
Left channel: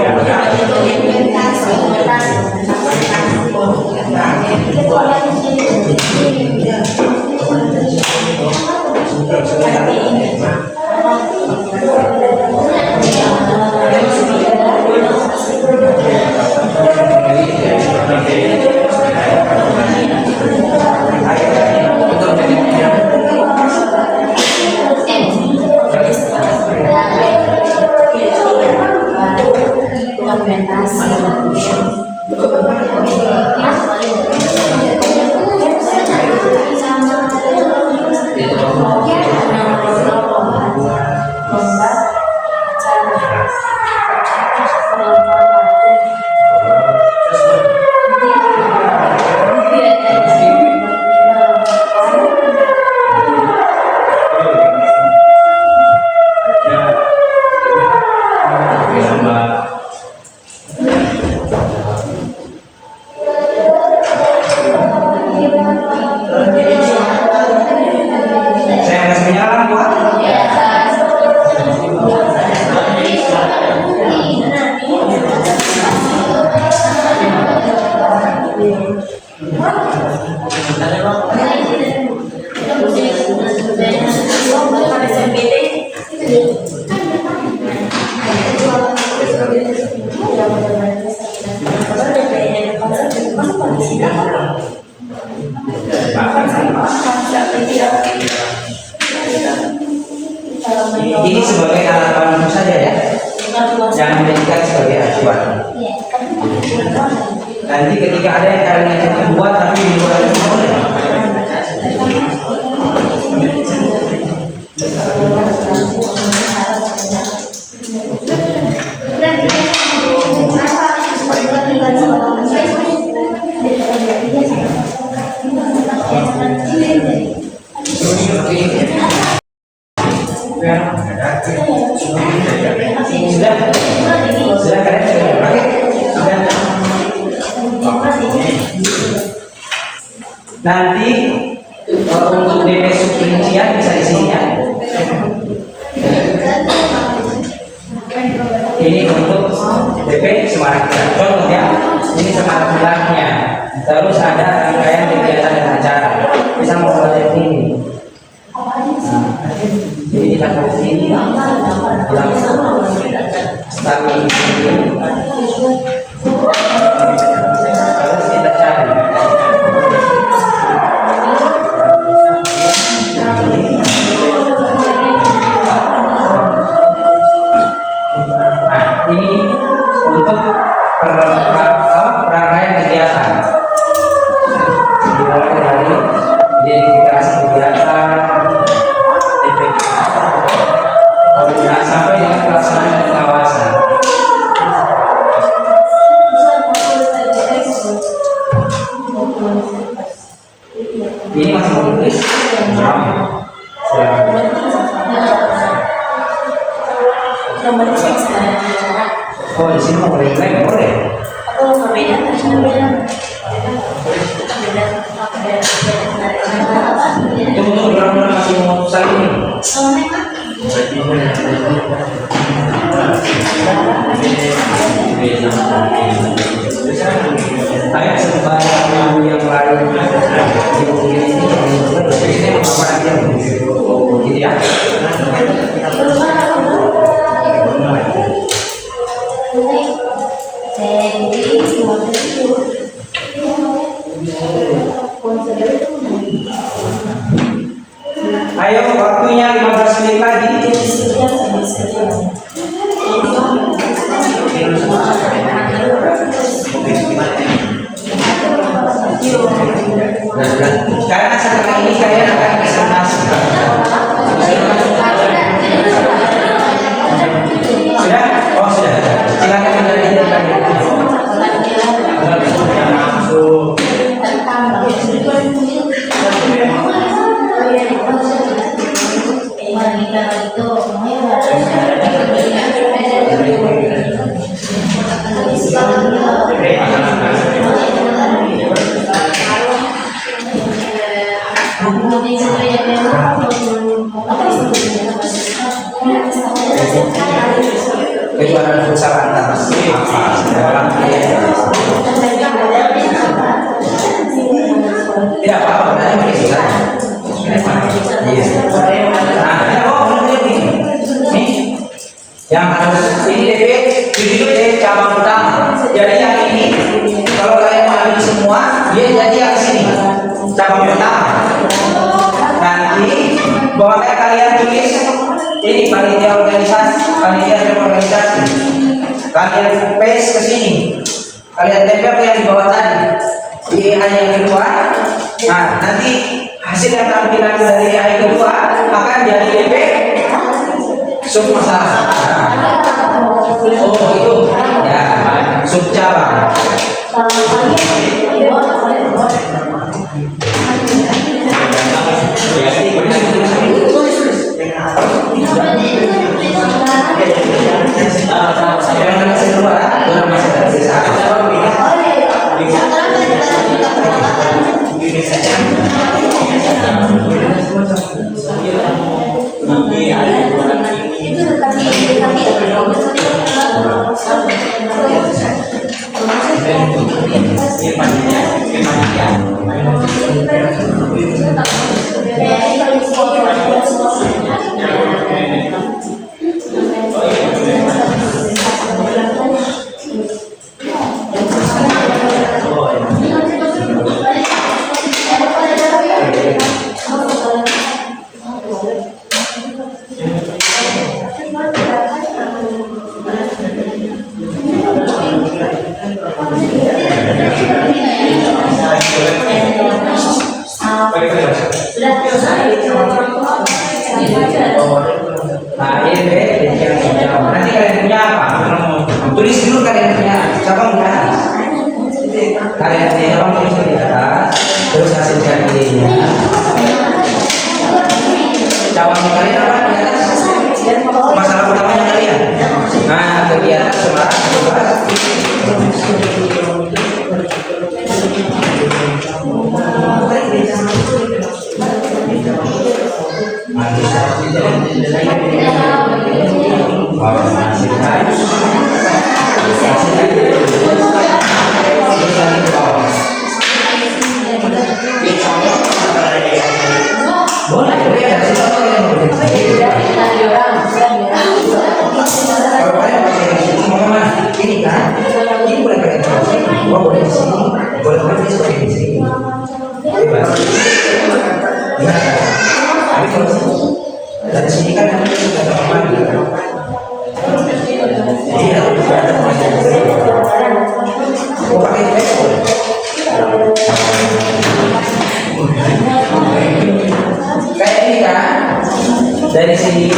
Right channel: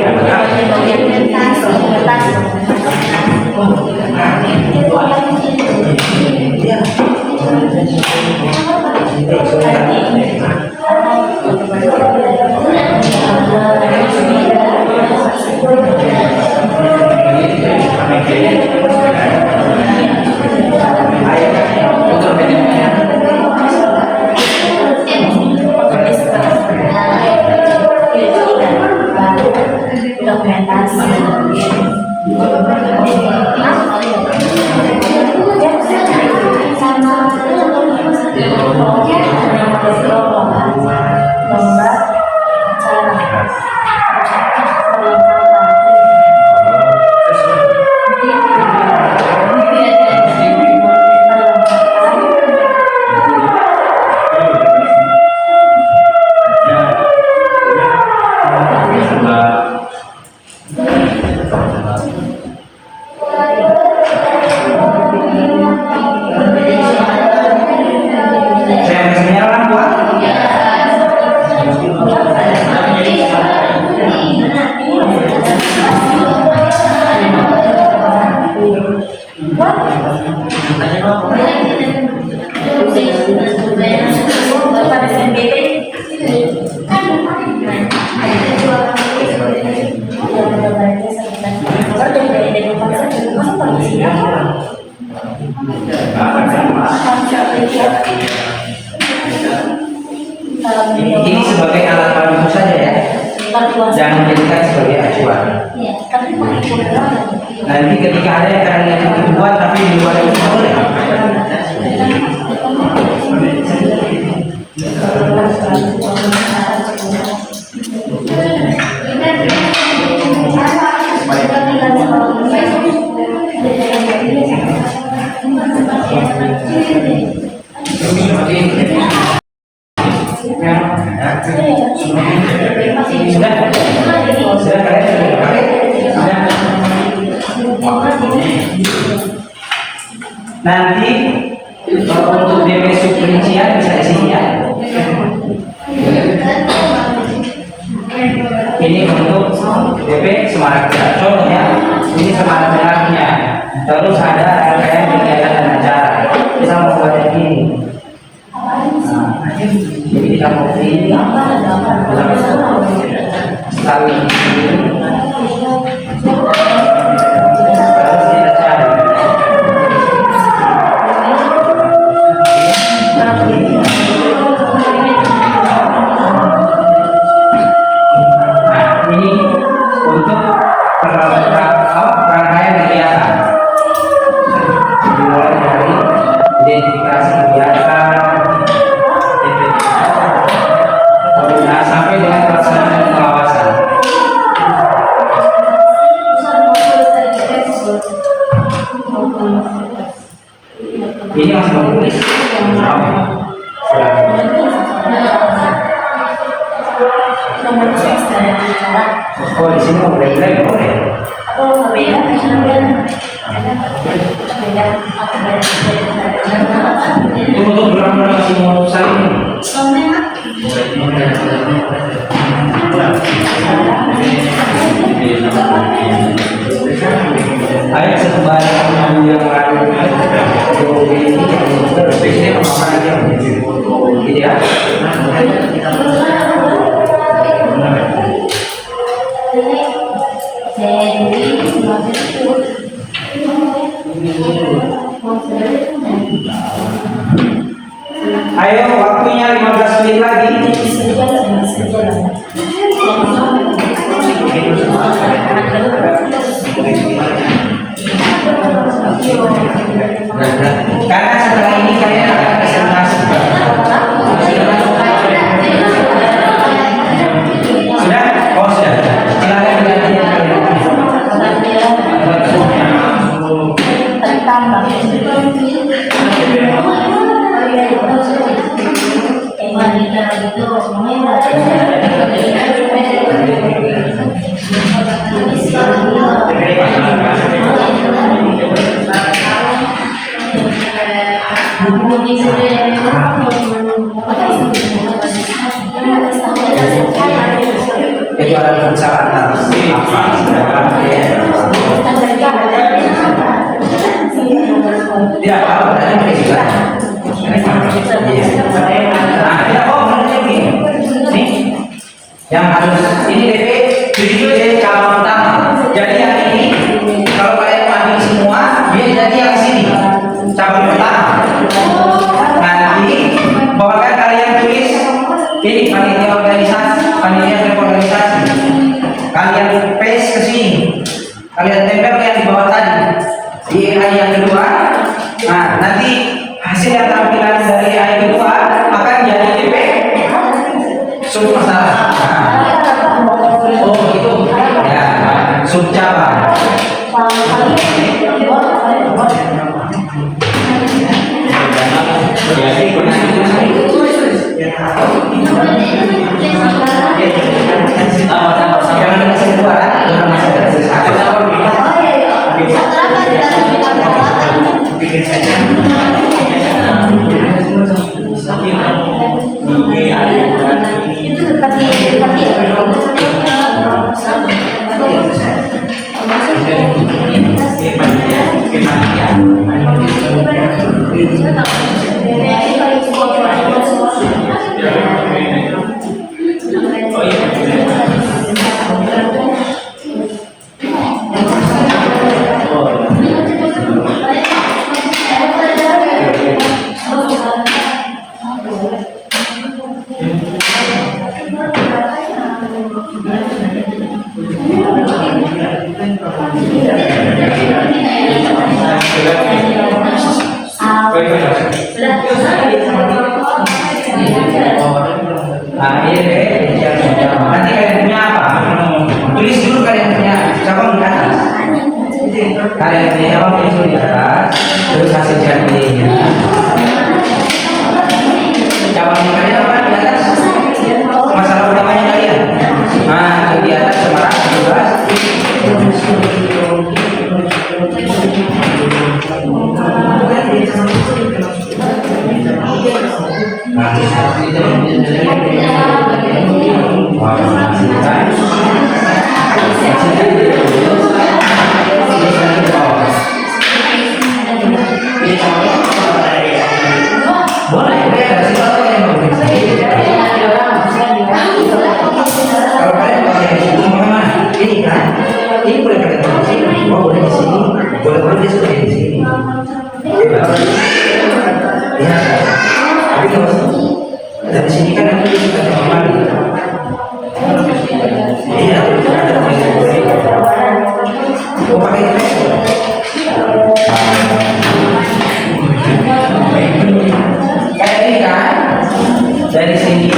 ini sebagai alat bantu saja ya, jangan menjadikan sebagai acuan. Nanti ketika ada yang kalian yang dibuat tapi di luar itu boleh. Sudah kalian sudah pakai? Sudah. Nanti untuk DP rincian bisa di sini ya. Ini untuk DP Semarang. Contohnya ini Semarang Selangnya. Terus ada rangkaian kegiatan dan acara. Bisa membuat ini. Jadi kita mau ini sekali harus kita cari. Nah, ini untuk rangkaian kegiatan. Dimulai dari identifikasi kegiatan, nah, sampai dengan pelaksanaan dan pengawasan. Ini masih mau tulis? Oh, di sini mau boleh? Boleh. Itu untuk benar-benar masih mau saling. Ayo setelah yang lalu ini memakai gitu ya. Ayo waktunya 15 menit lagi. Karena setelah ini kalian akan presentasi. Sudah? Oh sudah. Silakan dilanjutkan kalian. Kejuaraan futsal antar tidak apa-apa, berarti bisa. Nah, tidak apa-apa, nih, yang harus ini DP 7D cabang utama. Jadi yang ini kalau kalian ambil semua, dia jadi yang sini cabang utama. Nanti bawakan kalian tulis ini panitia organisasi, kalian paste ke sini, kalian tempel yang di bawah tadi di AI yang kedua. Nah nanti hasil yang tampilan dari AI kedua akan jadi DP sub masalah. Oh itu ya sub cabang. Nah, ini nanti kalian punya apa? Tulis dulu kalian punya cabang di atas. Kalian punya cabang tulis di atas, terus hasilkan pilihnya. Cabang kalian apa di atas? Masalah utamanya kalian. Nah, di atas cuma dari sini kan kita sudah kembali. Iya, oh pakai Facebook. Kayak ini kan, dari sini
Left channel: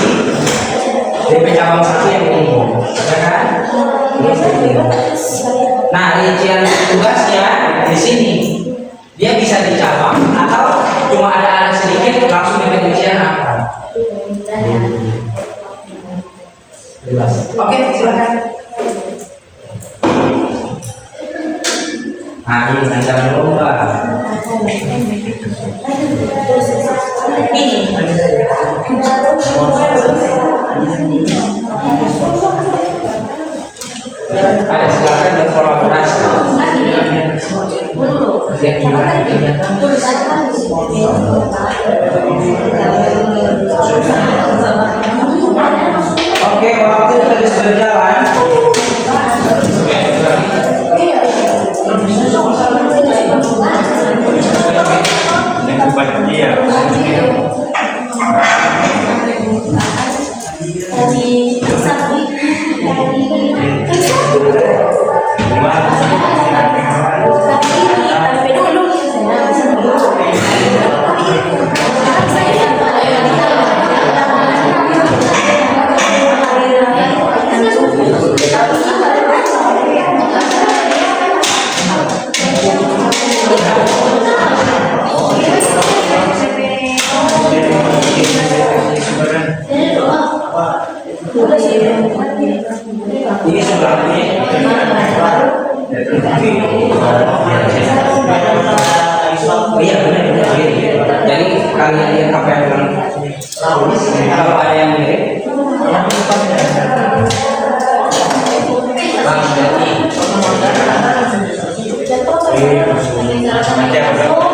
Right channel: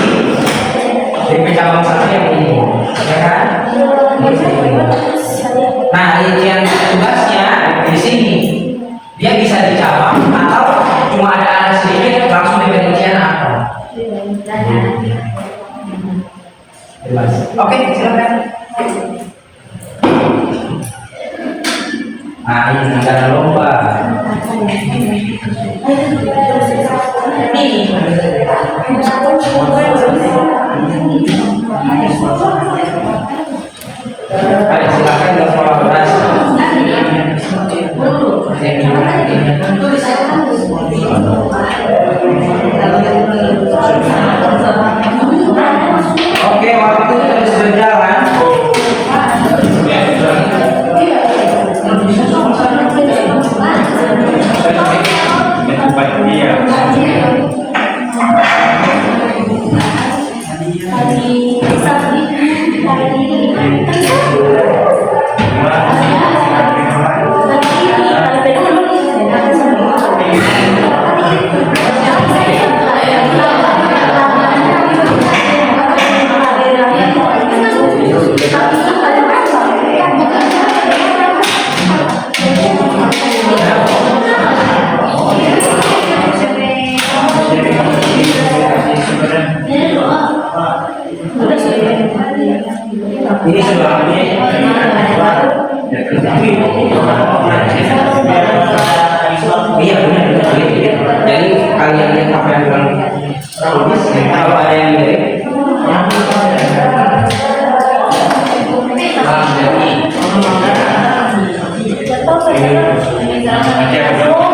DP cabang satu yang ini, ya kan? Nah, rincian tugasnya di sini dia bisa dicabang atau cuma ada sedikit langsung di rincian apa? Oke, silakan. Nah, ini negara lomba. Ayo silakan berkolaborasi. Oke, waktu terus berjalan. Nanti apa dong?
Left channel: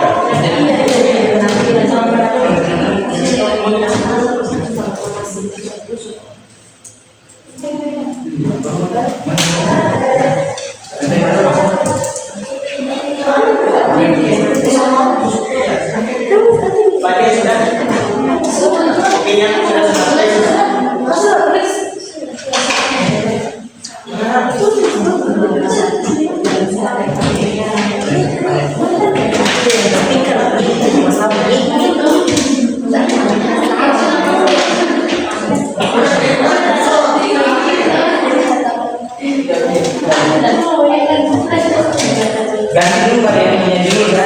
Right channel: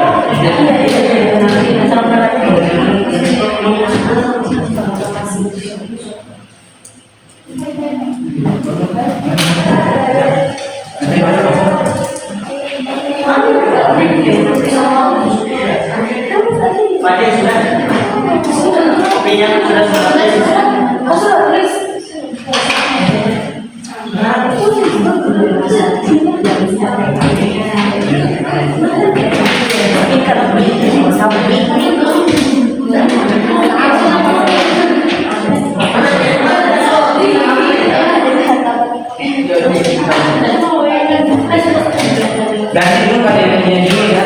Ganti dulu pada ininya dulu ya.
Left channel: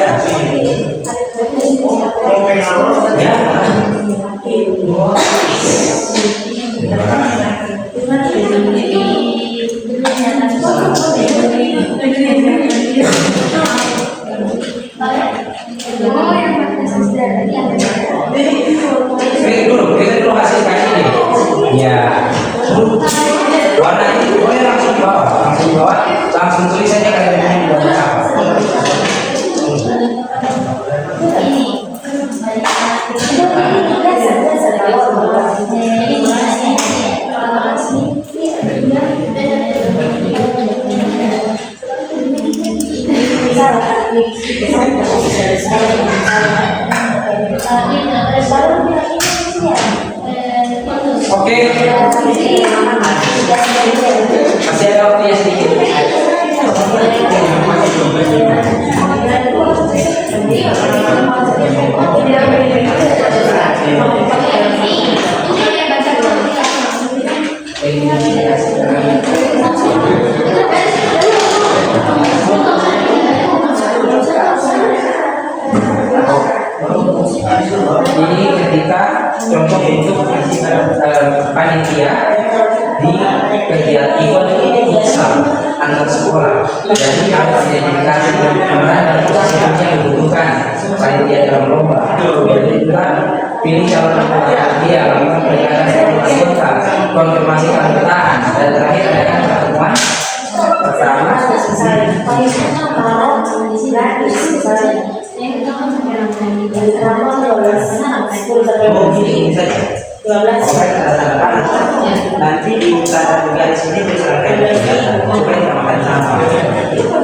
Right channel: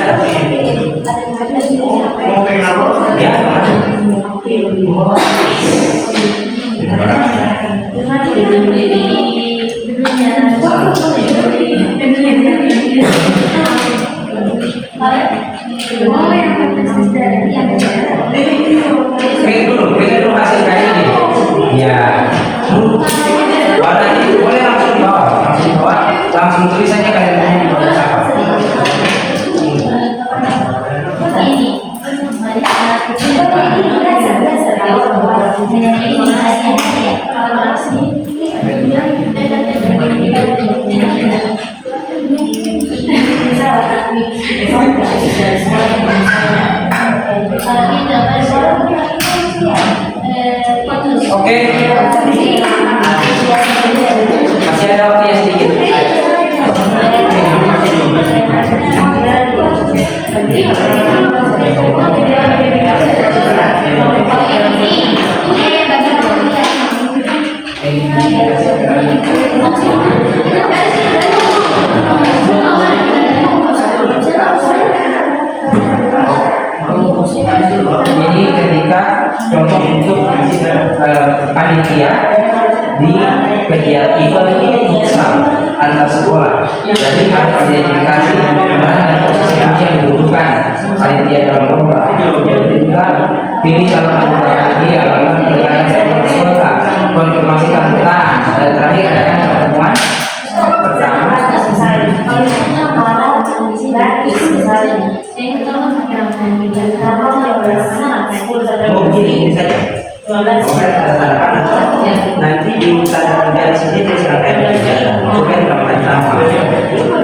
Ya. Pengen dulu hasil kayak ini. Ya. Warna ini boleh langsung dibawa, langsung tulis saja kayak ini di bawah apa. Oke. Masih ada waktunya sedikit. Ini ketika contoh untuk panitia di kegiatan event Islam antar sekolah. Jadi harus identifikasi peran dan posisi yang dibutuhkan panitia dalam lomba. Yang kedua, pilih calon anggota panitia, lakukan penegakan sertifikasi kota, konfirmasi keanggotaan, dan terakhir adalah pertemuan pertama. Ini saja. Nanti di utara dari sini misalkan bukan namanya apa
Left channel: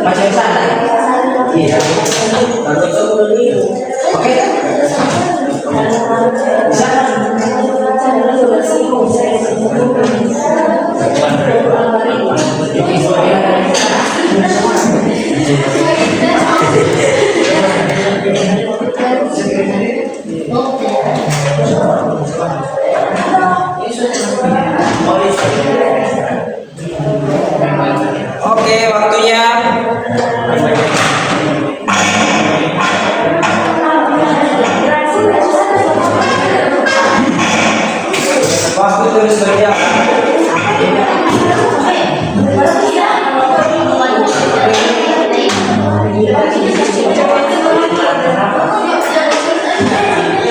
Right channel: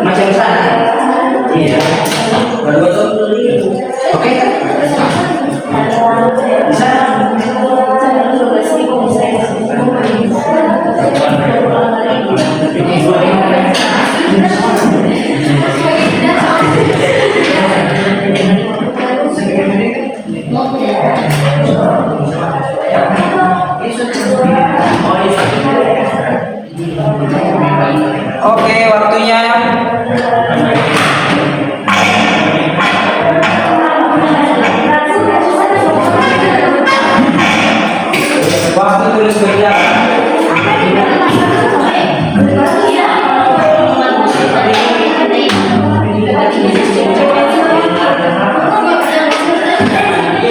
macam sana. Iya. Oke. Bisa. Oke, waktunya. Waktu terus berjalan.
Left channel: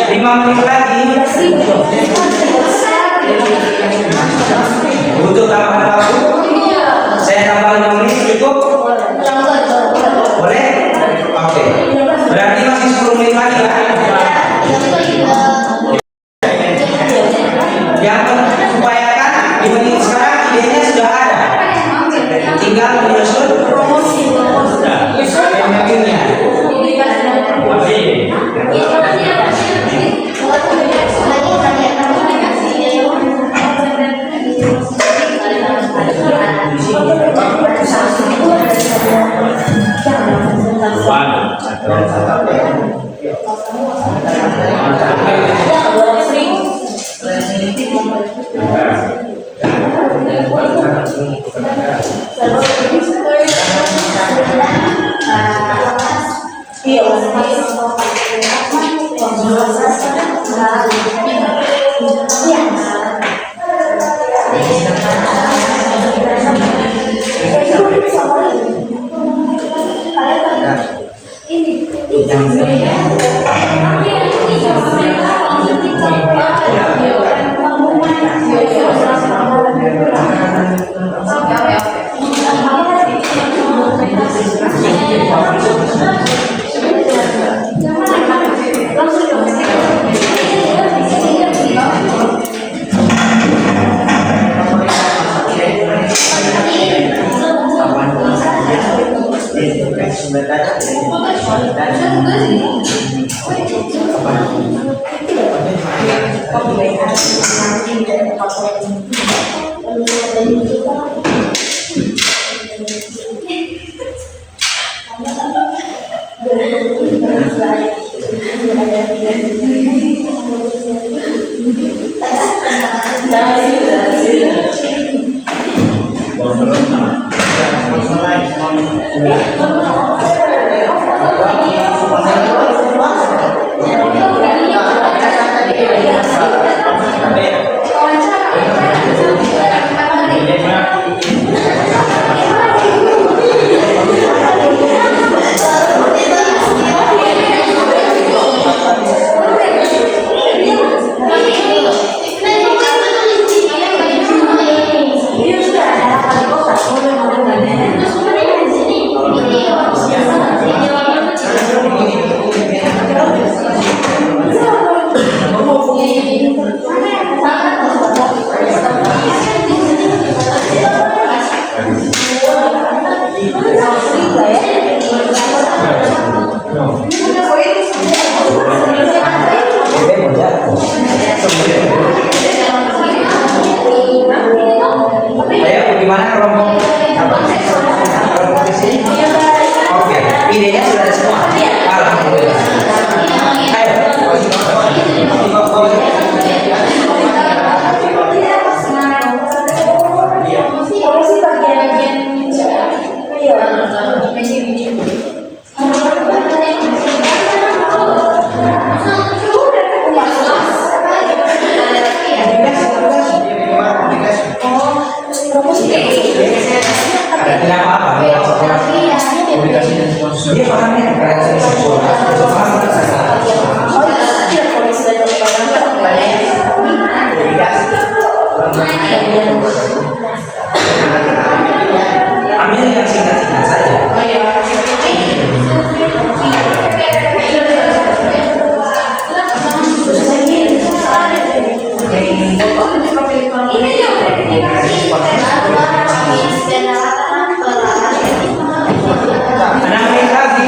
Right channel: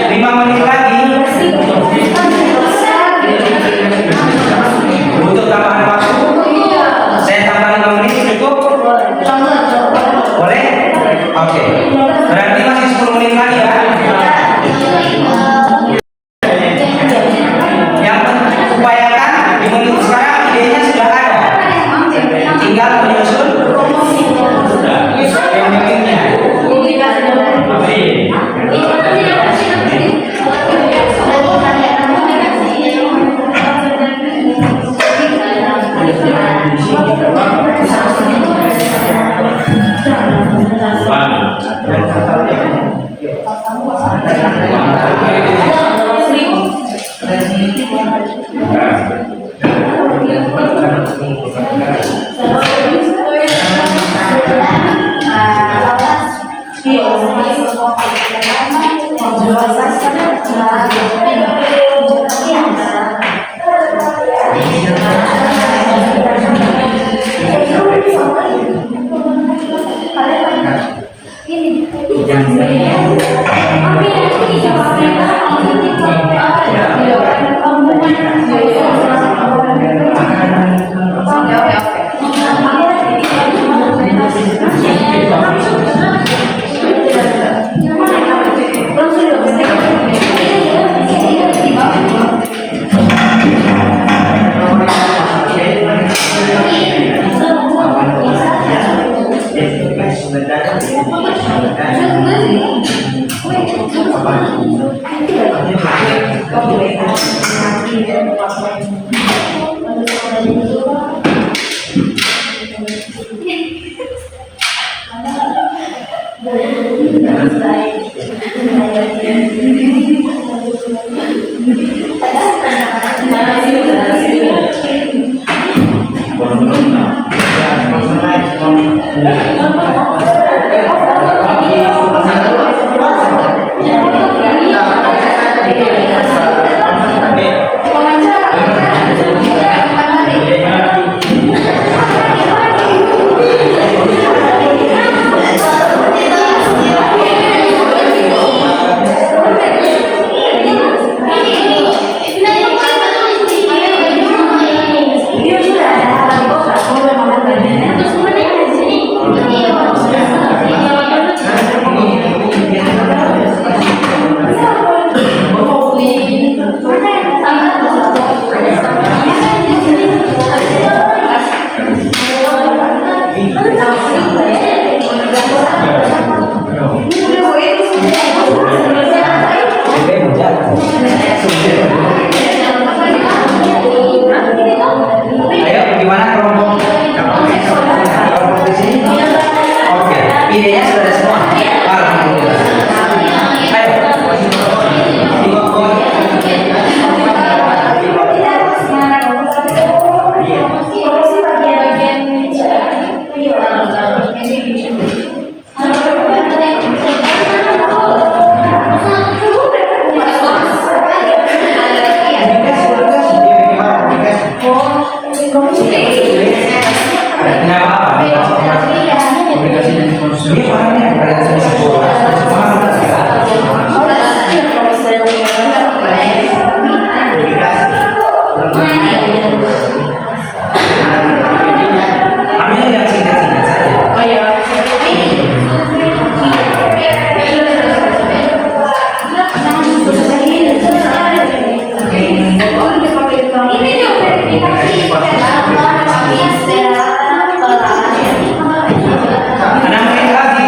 Lima menit lagi. Butuh tambahan waktu? Saya tambah 5 menit cukup? Boleh? Oke. Berarti masih 10 menit lagi ya? Yang upayakan di menit sekarang idenya sudah ada. Tinggal menyusun pemimpinnya. Ayo, gimana kelompok? Kelompok di sini? Oke, idenya sudah ada semua. Alhamdulillah. Ayo. Tidak apa-apa. Dia pahamnya kalian sekolah. Paham ambil yang singkat-singkat saja. Karena mungkin lagi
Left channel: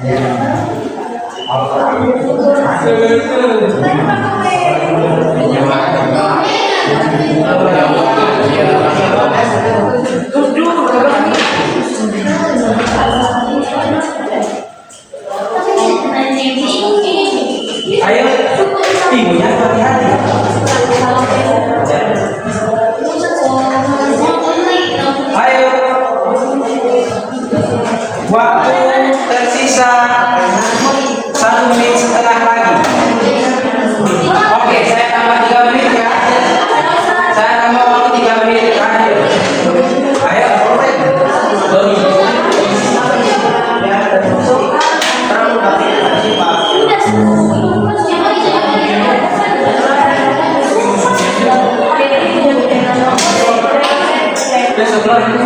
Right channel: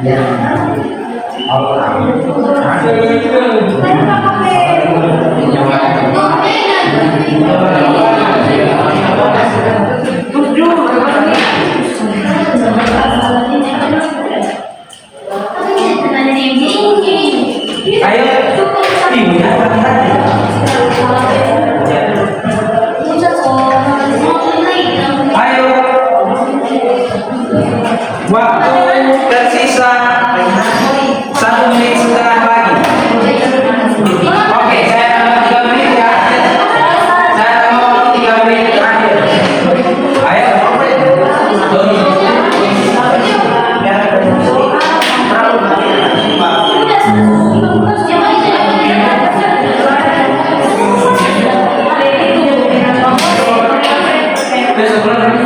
Ayo, ibunya hati-hati. Ayo, waktu tersisa 1 menit setengah lagi. Oke, saya tambah 3 menit ya. Saya tambah waktu 3 menit terakhir. Ayo, Doni. Besok lagi.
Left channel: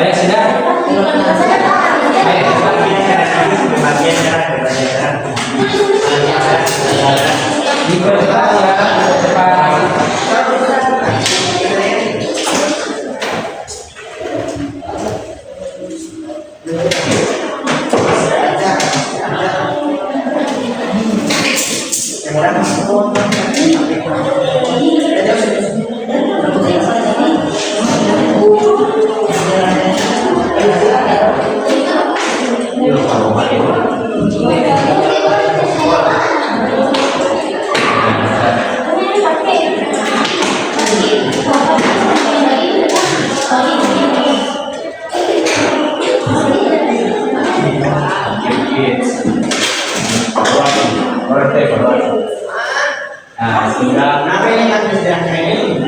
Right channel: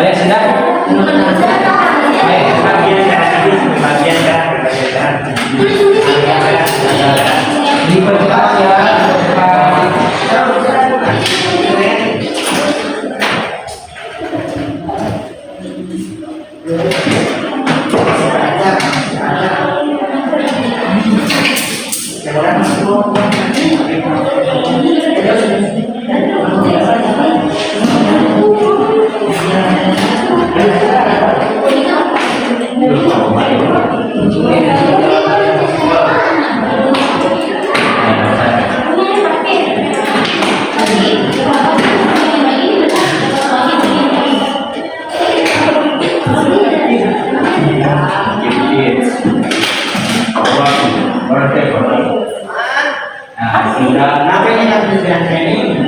Ayo sudah. Ayo. Diperjelas ya, Pak. Nah, sudah. Kenapa ini yang presiden ini?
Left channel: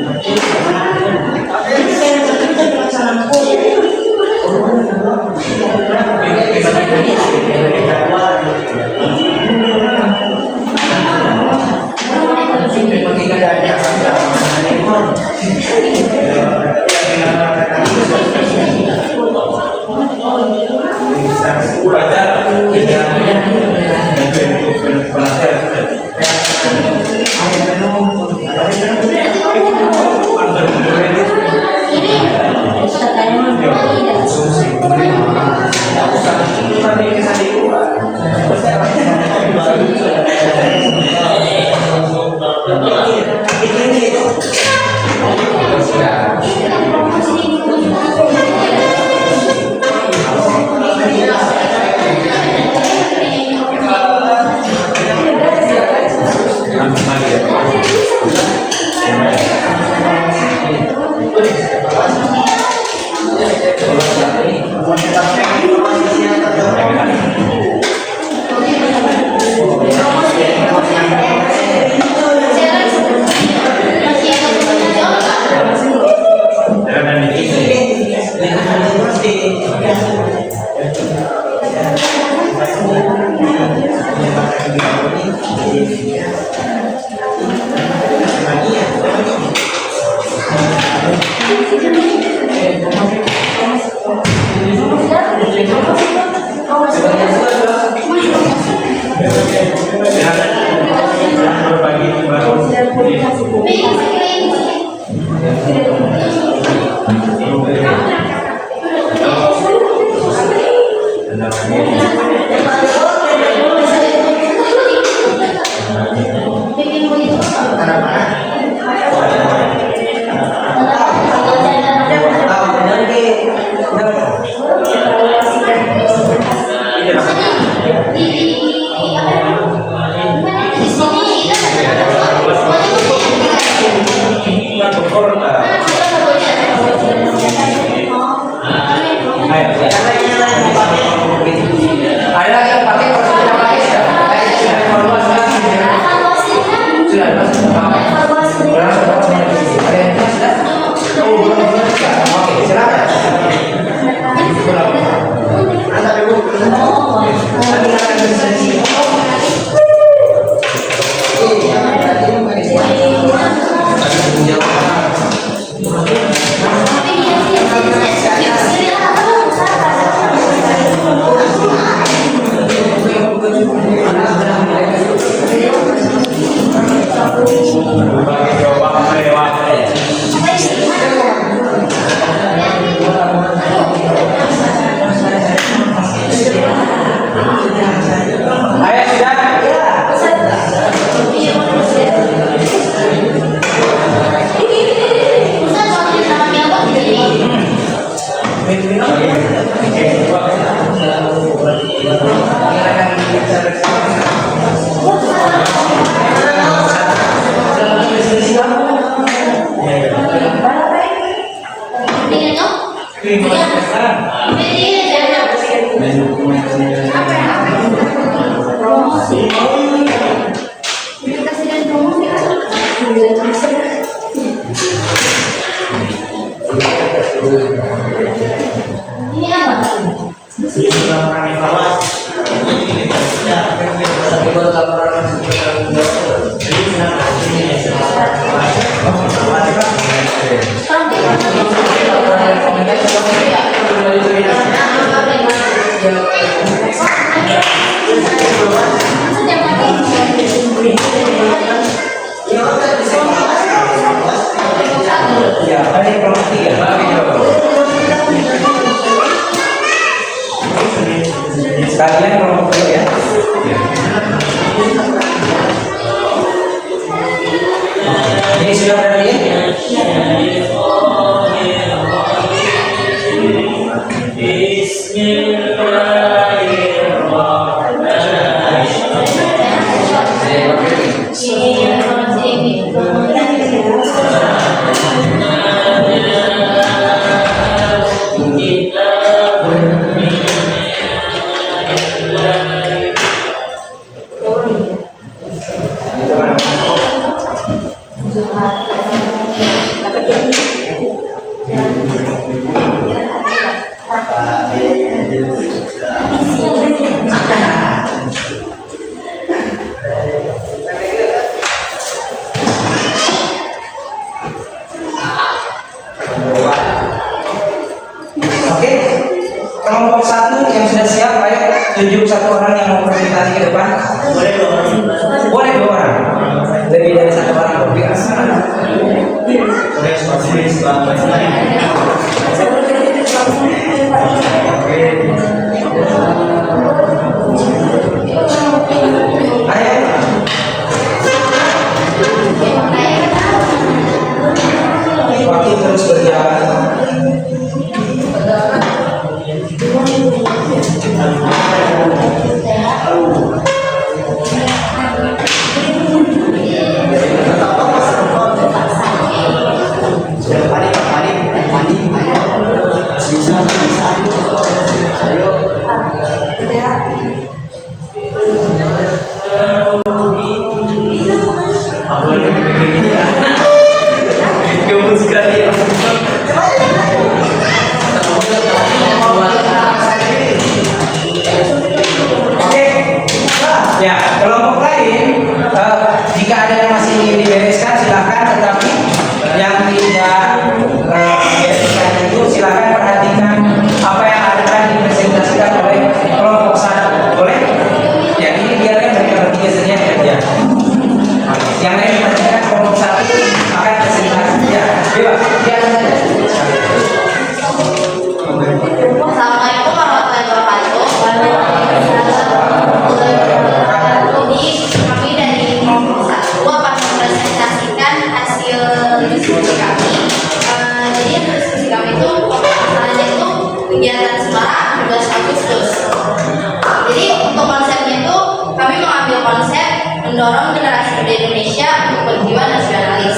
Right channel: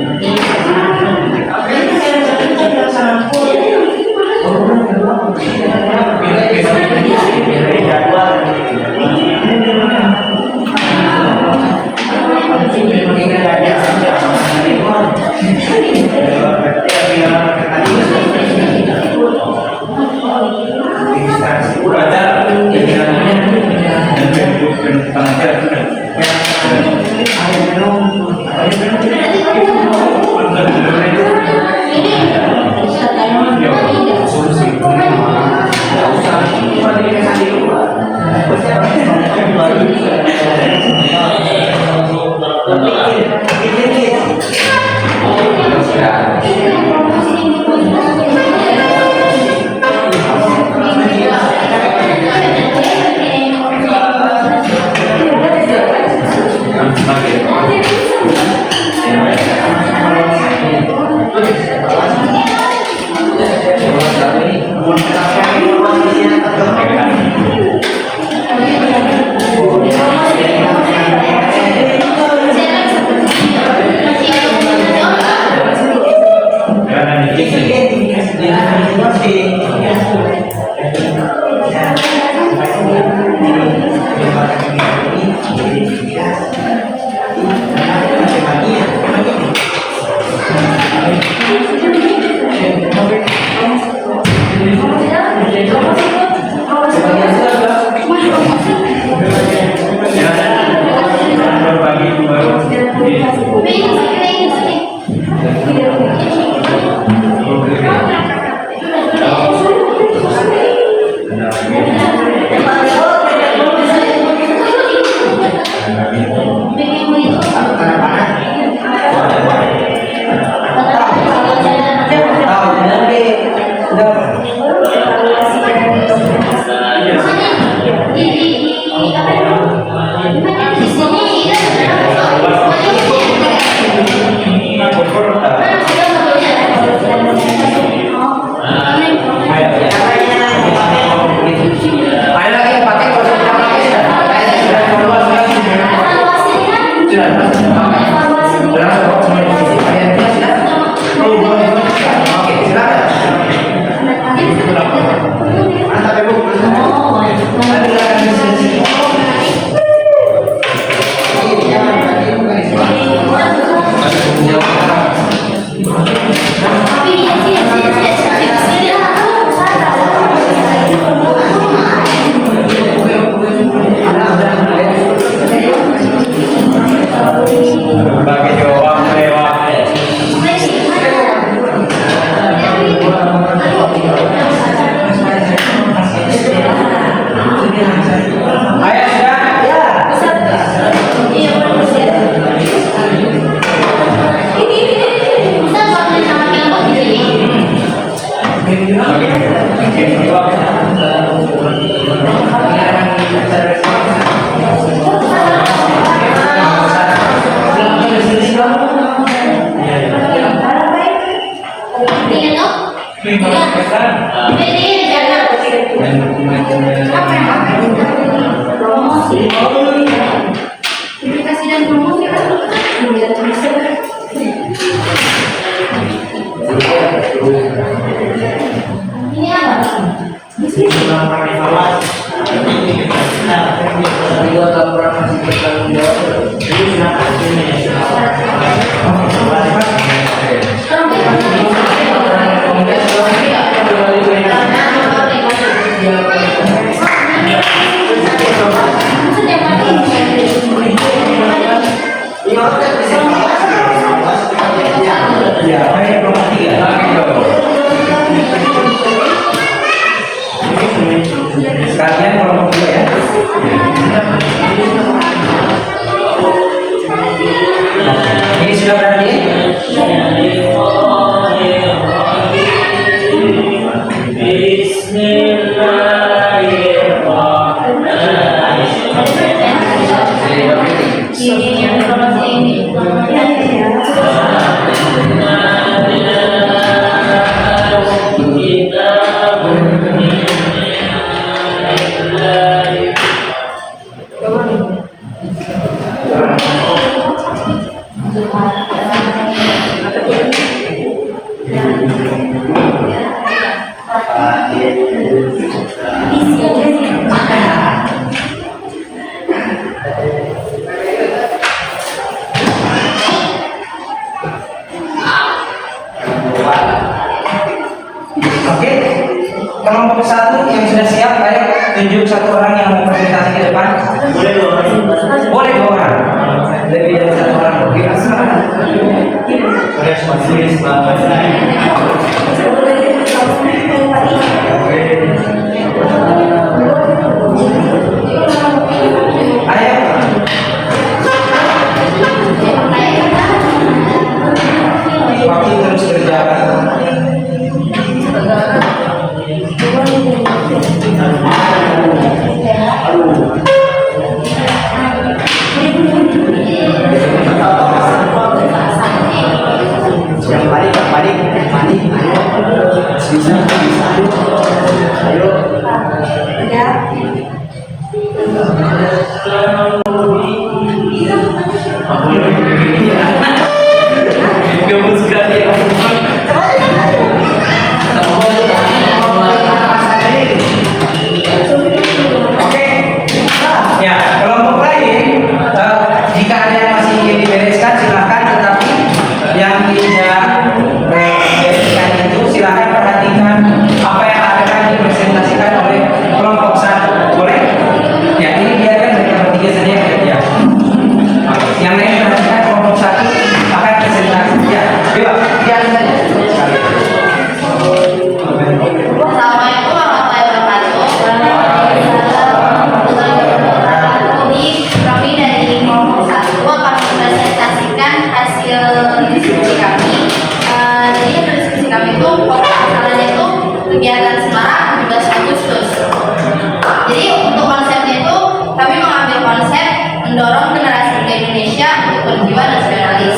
mendorong generasi muda Indonesia untuk berjiwa nasionalis.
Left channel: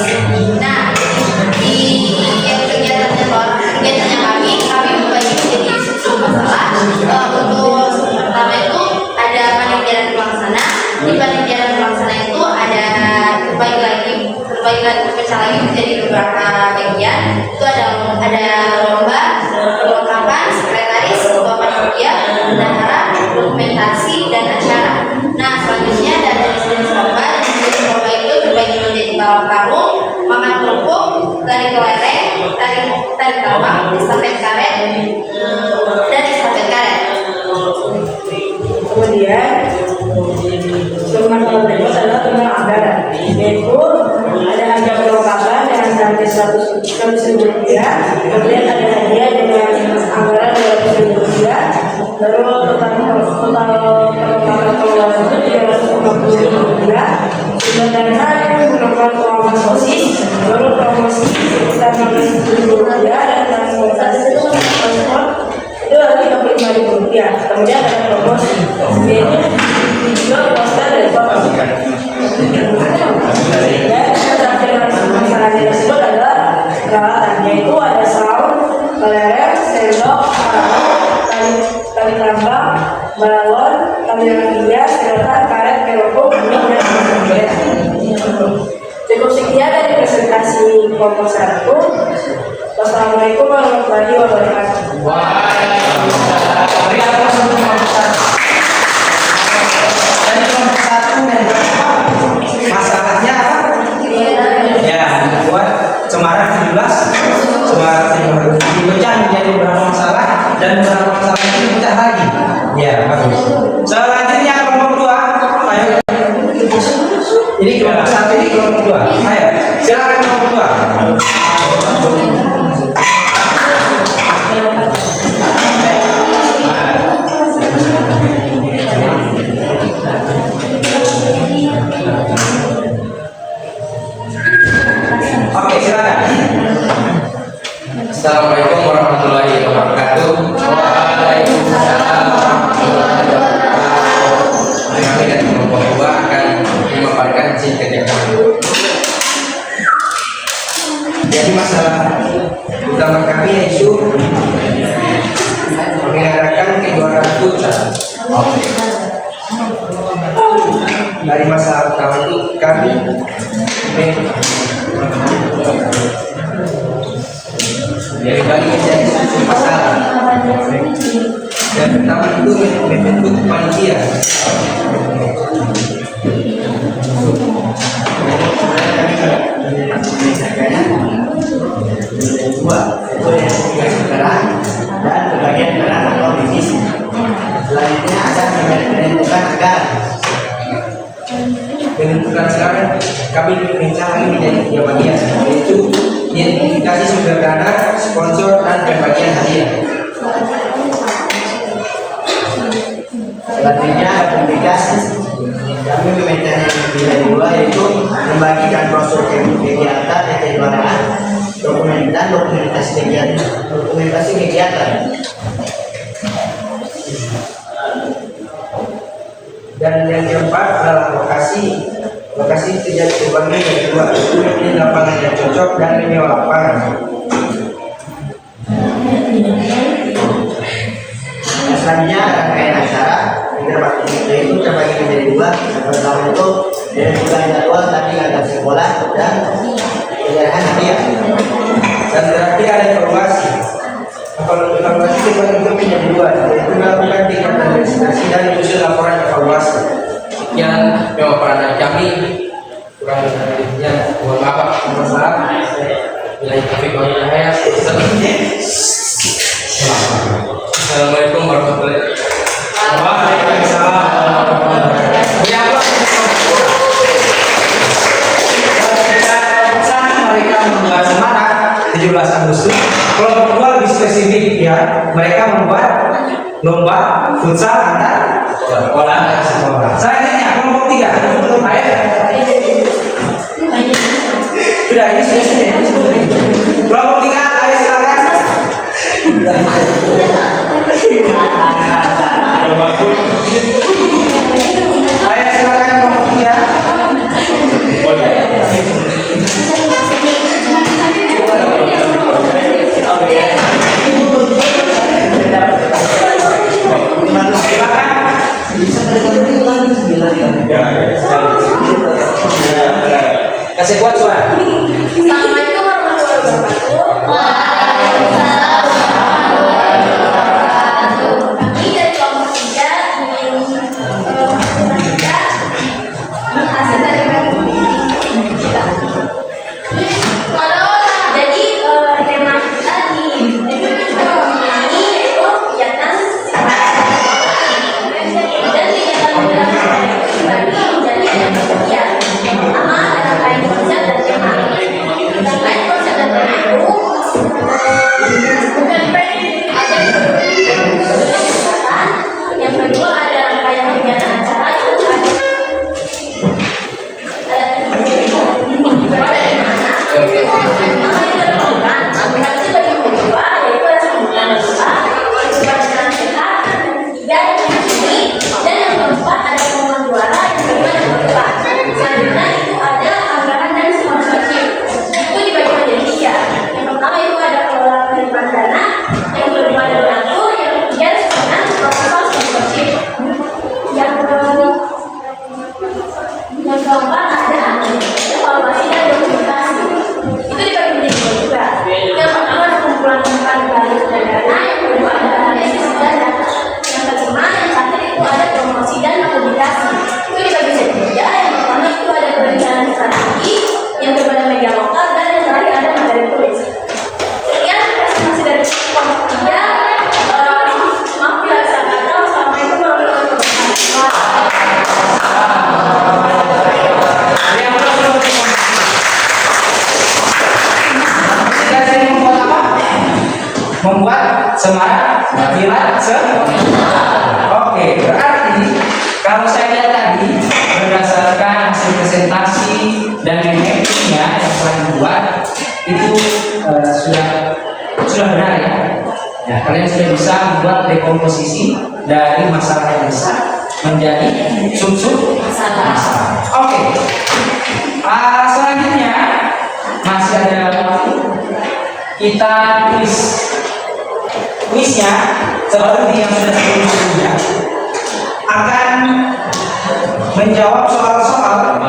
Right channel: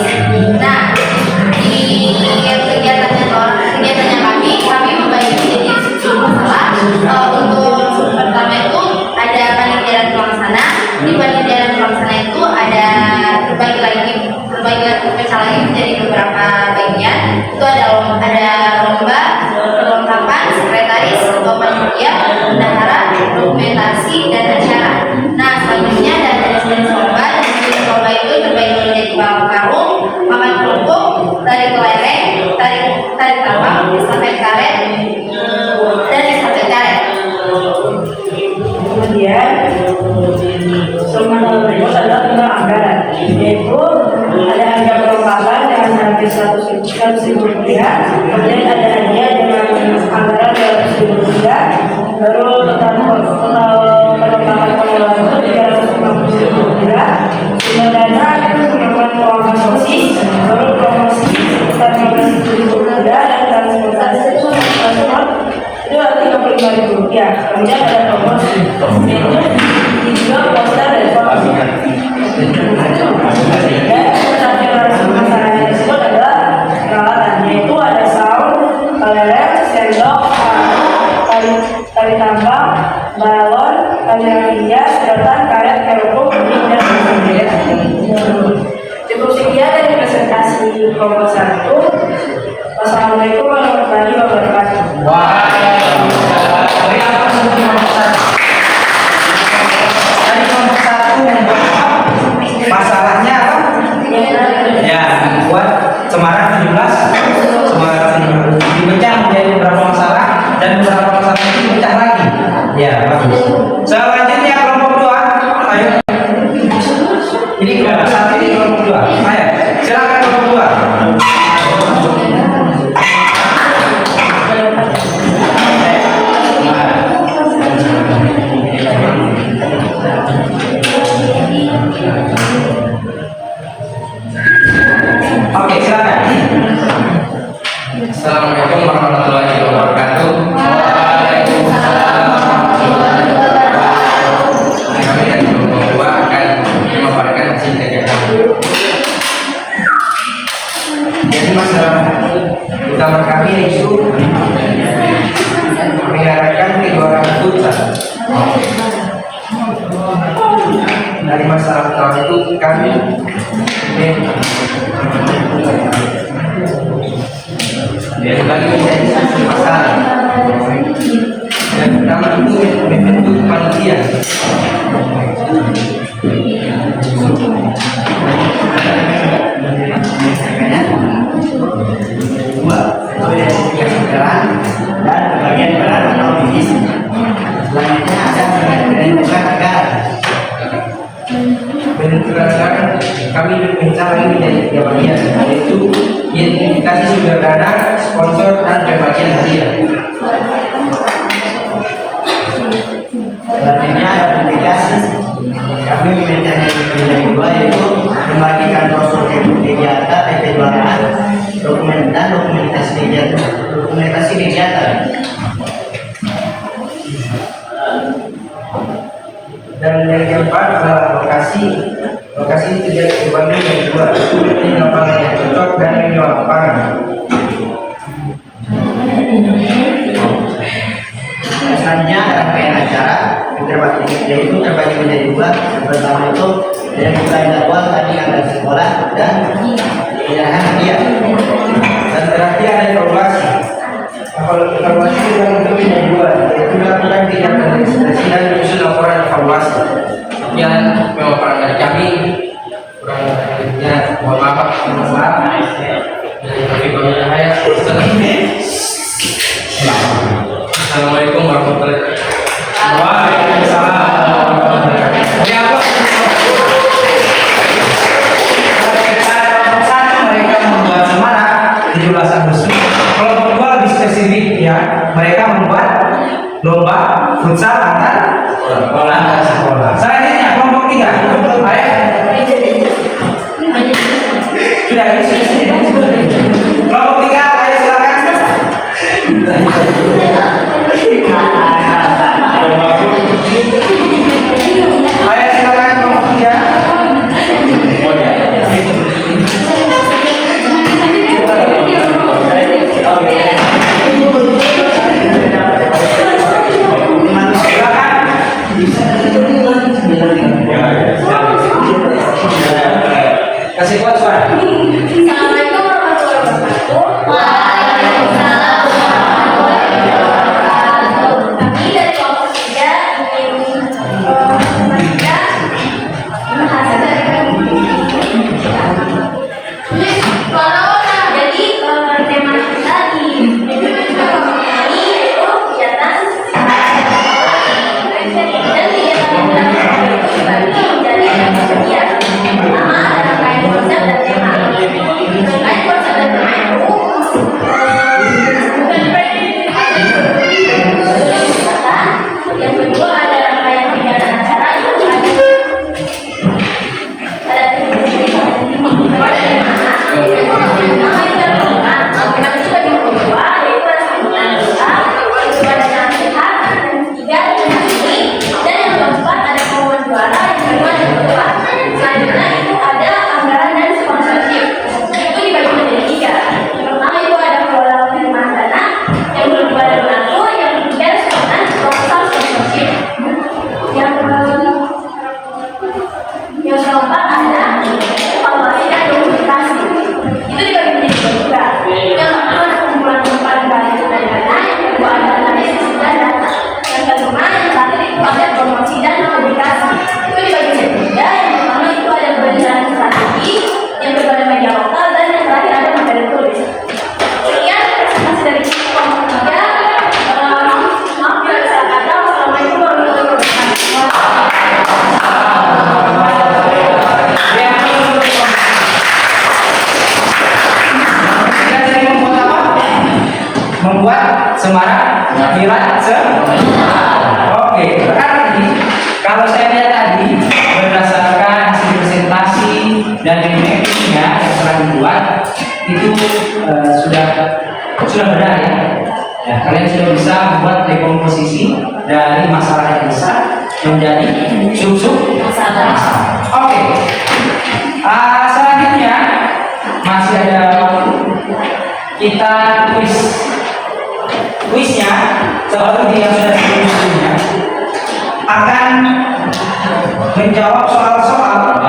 Nah, di kegiatannya kami membagi menjadi 10 masalah. Untuk pertama itu ada panitiaan pelaksana. Di panitiaan pelaksana itu ada terbagi lagi pecah lagi menjadi beberapa bagian. Itu ada lomba, perlengkapan, sekretaris, lomba media, bendahara, dokumentasi, dan acara. Nah, selanjutnya ada jenis-jenis lomba. Jenis lomba itu terbagi menjadi balap karung, makan kerupuk, tarik kelereng, tarik tambang, estafet karet, dan estafet karet. Kemudian sumber berikut adalah tentang anggaran, yaitu ada hadiah perlengkapan dengan harga 100.000 rupiah, kemudian ada hadiah dengan anggaran 200.000 rupiah, baru total perlengkapan pengelolaan itu 350.000 rupiah. Sumber dana itu melakukan pengelolaan sosis, baru promosi sekitar 15.000 rupiah, dan transportasi itu 35.000 rupiah. Kemudian ada promosi, yaitu video, poster, dan foto. Dan tampilan masalahnya tersebut adalah peralatan, yaitu ada sound, kelereng, sendok, tali tambang, balon, tali hias, sedotan, karet, kerupuk, mie, dan sebagainya. Cukup sekian dari presentasi kelompok 1. Wassalamualaikum warahmatullahi wabarakatuh. Beri aplaus untuk kelompok 1. Tadi kelompok 1 masalahnya apa? Ya, membuat Semarang 17 dipecah menjadi beberapa masalah, dan beberapa masalah itu dipecah lagi. Ya, bagus. Selanjutnya kelompok 2. Ayo. Ini kelompok 1, ini kelompok 2. Ayo, silakan kelompok 2. Oke, silakan. Assalamualaikum warahmatullahi wabarakatuh. Kami dari kelompok 2 akan memaparkan hasil kegiatan. Jadi masalah utama kami yaitu mengadakan kejuaraan futsal. Dari masalah utama itu kami Dari bagi menjadi masalah. yang pertama itu membentuk panitia. Dua, itu yang saudara dan bagian peran atau divisi. Selanjutnya ada menentukan anggaran. Menentukan sekarang kami mencari lagi menjadi 3 bagian, yaitu identifikasi sumber dana, sponsor, dan pembagian hadiah. Selanjutnya ada publikasi. Kami meminta yang 2 yaitu membagikan brosur kegiatan dan kejuaraan, dokumentasi kegiatan. Dan yang keempat adalah lokasi kegiatan di Bandung yang kedua, itu ini lapangan yang cocok dan ini lapangan. Selanjutnya ada rangkaian acara yaitu terbagi menjadi 2. Yang pertama itu dari mulai jadwal tadi ada sekolah dan penyerahan hadiah. Dan terakhir ada evaluasi. Evaluasi dibagi menjadi 2, yaitu melakukan kegiatan registrasi dan menyusun laporan evaluasi. Sekian pemaparan dari kami. Kurang lebihnya mohon maaf. Bila taufiq wal hidayah. Assalamualaikum warahmatullahi wabarakatuh. Waalaikumsalam. Ya, mereka membuat semangat 17 Agustus. Kelompok 2 lebih spesifik ya. Mereka membuat lomba futsal antar sekolah. Selanjutnya kelompok 3. Ayo. Sudah ini sudah. Kelompok 3, ayo silakan. Ayo silakan kelompok 3. Kasih kuat suara. Assalamualaikum warahmatullahi wabarakatuh. Waalaikumsalam warahmatullahi wabarakatuh. Kami dari kelompok 3 ingin memastikan hasil dari jadi tema kita di ini yaitu kegiatan dan kegiatan beberapa itu dibagi menjadi ada bagian. Yang pertama ada rangkaian konsep dan tema. Rangkaian konsep dan tema itu bukan yang kedua ada rangkaian kegiatan acara yang yang keempat ada evaluasi dan dokumentasi. Itu dibagi menjadi dua juga. Yang pertama ada kumpulan umpan balik dari dana, yang kedua ada analisis dan data. Yang kelima yang terakhir itu ada promosi dan publikasi. Itu dibagi menjadi tiga. Yang pertama itu ada perencanaan strategi, yang kedua ada media lokal, dan yang terakhir ada materi tulis. Sekian presentasi dari kelompok 3. Maaf bila salah kata. Wassalamualaikum warahmatullahi wabarakatuh. Membuat semarak pilar Oke, berarti kalau saya lihat tadi berdasarkan hasil presentasi dan mappingnya yang telah dibuat itu sudah benar ya. Ya, kalian sudah bisa membuat dekomposisi dari masalah yang besar menjadi sub-sub masalah. Oke. Selanjutnya masih ada waktu. Kita kuisnya seperti yang sudah sebelumnya akan menjawab soal-soal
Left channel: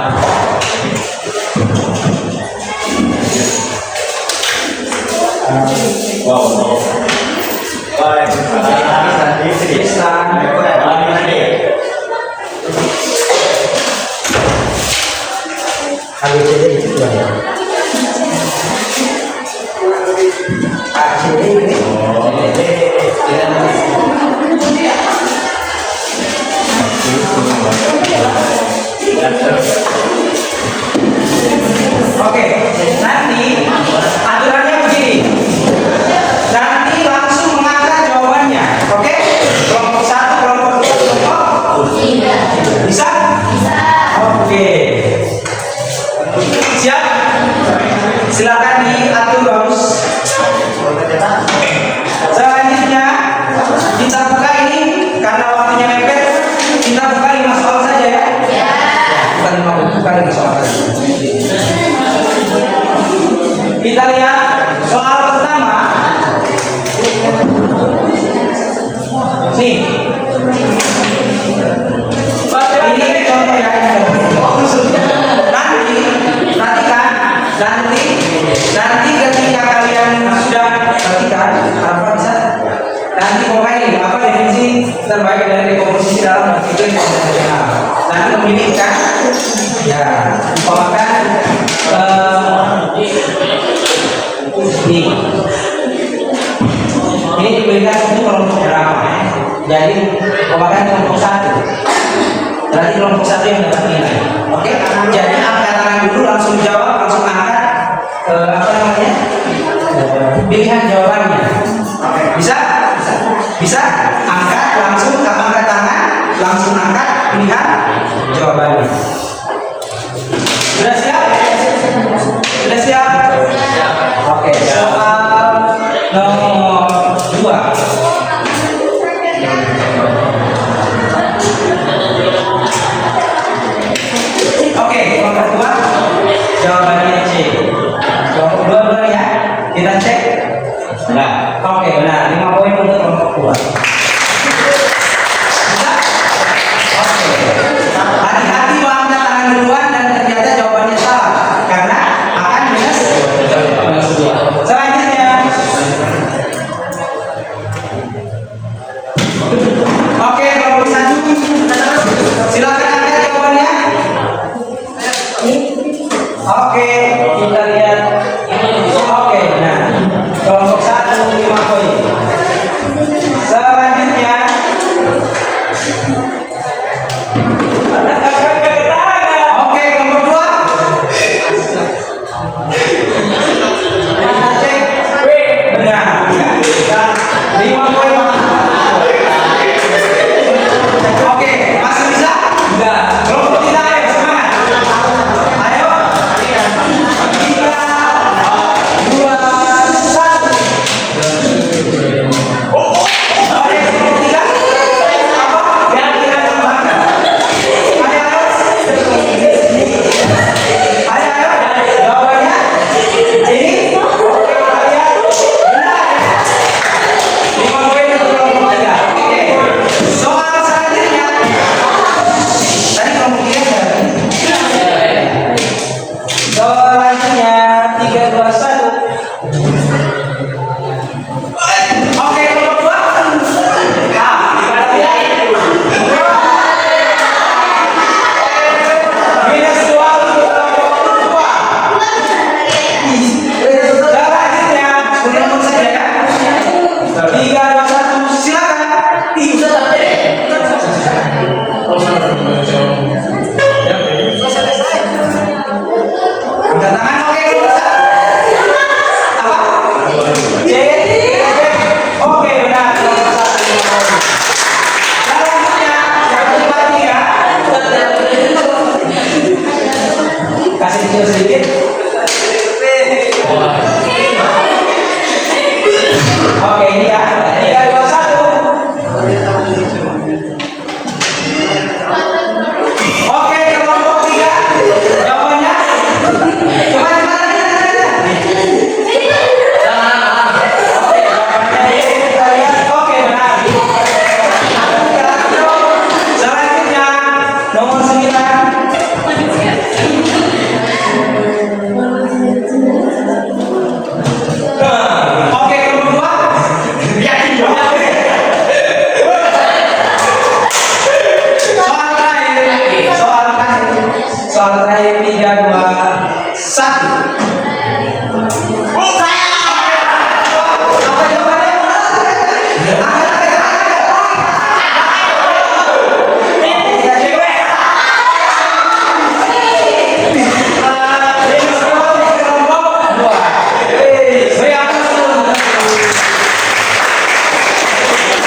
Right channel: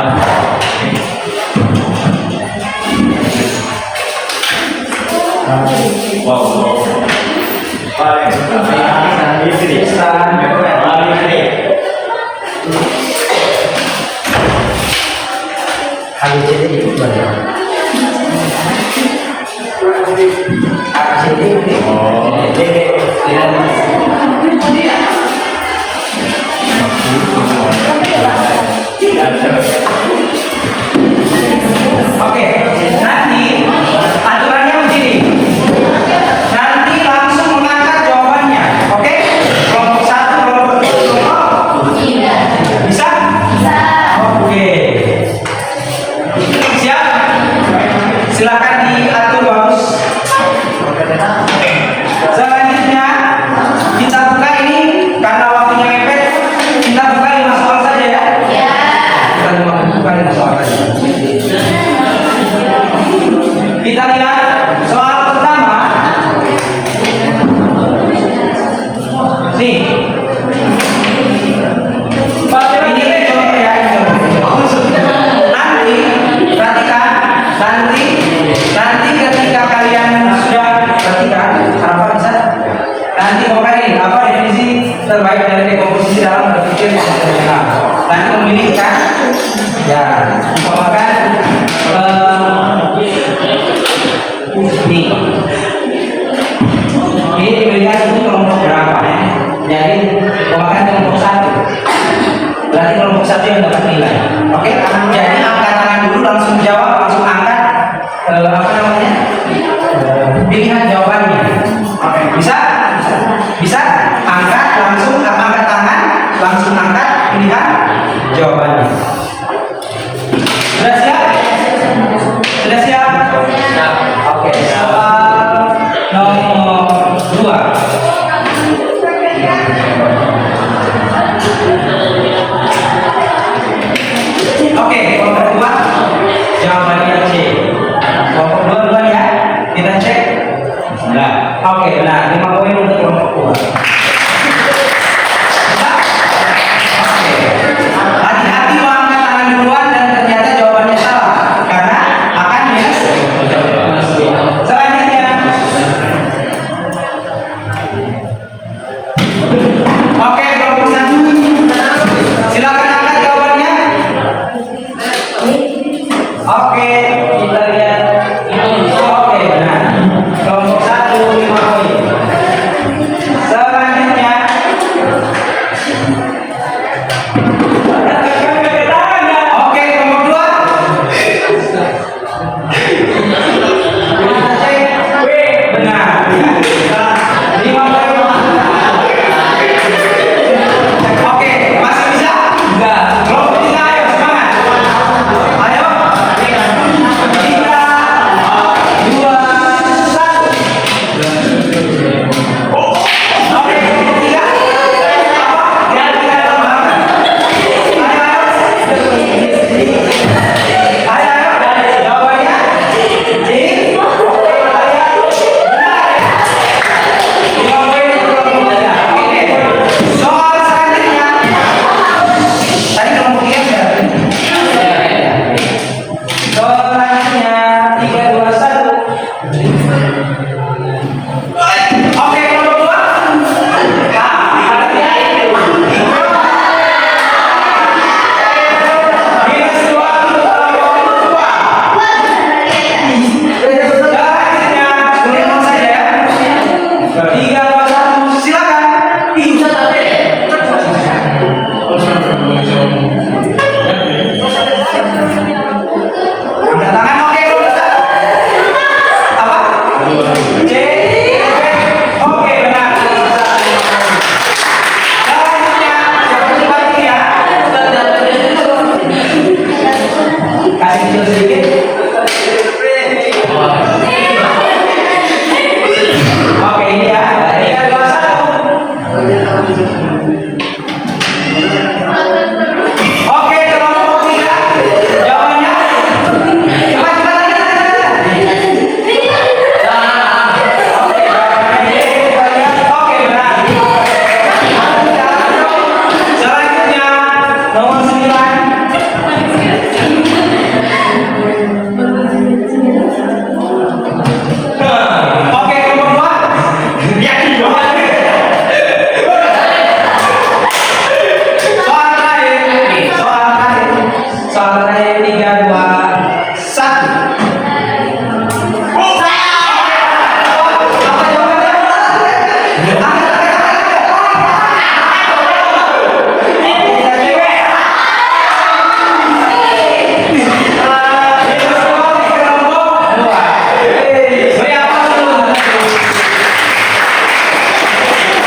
Oke, nanti aturannya begini. Nanti langsung mengangkat jawabannya. Oke? Kelompok 1, kelompok 2, kelompok 3. Bisa? Bisa. Oke. Siap? Silakan diatur bagus. Selanjutnya kita buka ini karena waktunya mepet. Kita buka 5 soal saja ya. Kita buka 5 soal saja. Kita lihat soal pertama. Nih. Ini contoh ya. Nanti perhatikan. Nanti ketika kalian sudah perhatikan apa bisa. Nanti pokoknya ini apa definisi terbaik dari dekomposisi dalam berpikir yang sederhana. Nanti memilih kan. Ya, umpamakan ini diberikan itu kelompok berapa ya? Jadi umpamakan kelompok 1. Berarti kelompok 1 yang dapat nilai. Oke? Jadi angkat tangan dulu langsung jawab, langsung angkat apa namanya? Pilihan jawabannya. Oke, bisa? Bisa? Angkat langsung angkat tangan, langsung angkat pilihan jawabannya. Sudah siap? Sudah siap? Oke, soal nomor 2. Oke, kelompok 2 jawabannya C. Kelompok 2 dulu ya. Kita cek. Nah, oke, benar. 5 poin untuk kelompok 2. Hati-hati mau angkat tangan duluan dan ternyata jawabannya salah karena Oke, kita lihat. Oke, benar. Kelompok 1 5 poin. Selanjutnya oke, kelompok 2. Benar. 5 poin. Oke, masih bisa? Enggak. Kelompok 3, ayo semangat. Ayo. 3, 2, 1. Oke, 3. Apa? Jangan kita tambahkan. Ayo. Jawabannya ini. Oke, kita lihat. Benar. 5 poin untuk kelompok 3. Oke. Soal selanjutnya. Tadi kelompok 3 sudah. Selanjutnya 3, 2, 1. Oke, kelompok 2. Nah, perhatian. Minus 2 untuk kelompok 2. Selanjutnya, ulang saja ya. 3, 2, 1, silakan. Bisa tapi. Angkat tangan, oke, kelompok 1. Apa? C. Oke, benar. Selanjutnya, yang keempat ini ya. Kasih kecil sedikit. Oke, ini ya. 3, 2, 1. Oke, kelompok 3. Jawabannya. Cepat, cepat. Oke, jawabannya D. Kita lihat. Oke, benar. Selanjutnya, nomor 9. Oke, kelompok 2. Yakin jawabannya. Soal terakhir 3, 2, 1. Apa jawabannya?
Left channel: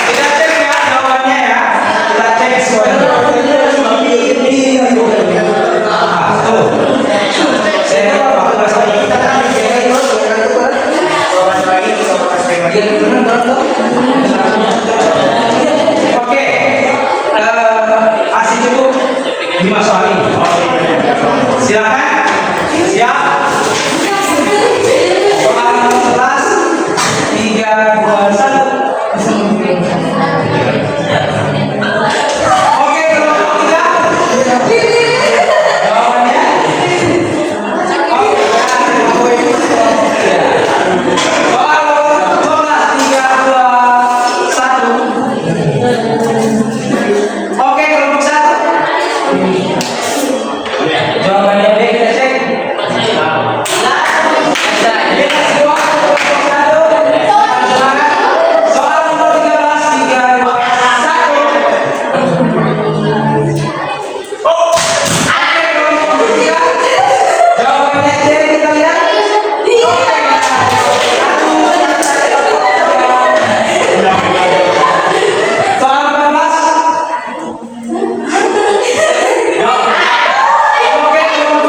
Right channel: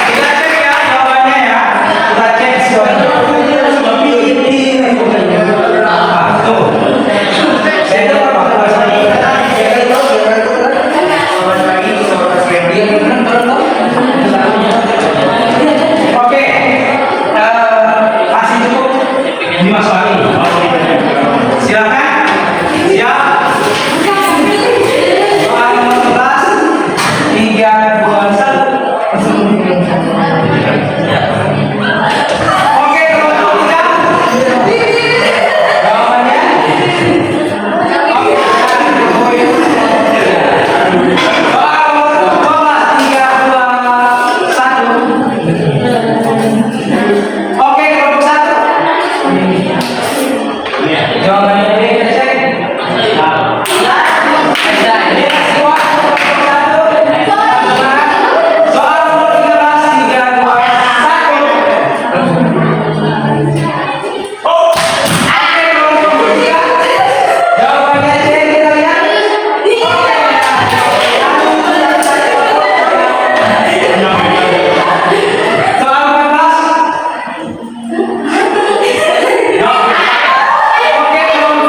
Kita cek ya jawabannya ya. Kita cek semuanya. Tuh. Saya lihat apa? Oke. Masih cukup 5 soal ini. Silakan. Siap. Soal nomor 11. 3, 2, 1. Oke, kelompok 3. Jawabannya. Oke, poin. Soal nomor 12. 3, 2, 1. Oke, kelompok 1. Jawabannya B, kita cek. Soal nomor 13. 3, 2, 1. Oke, kelompok 3. Jawabannya C, kita lihat. Soal 14. Oke, kelompok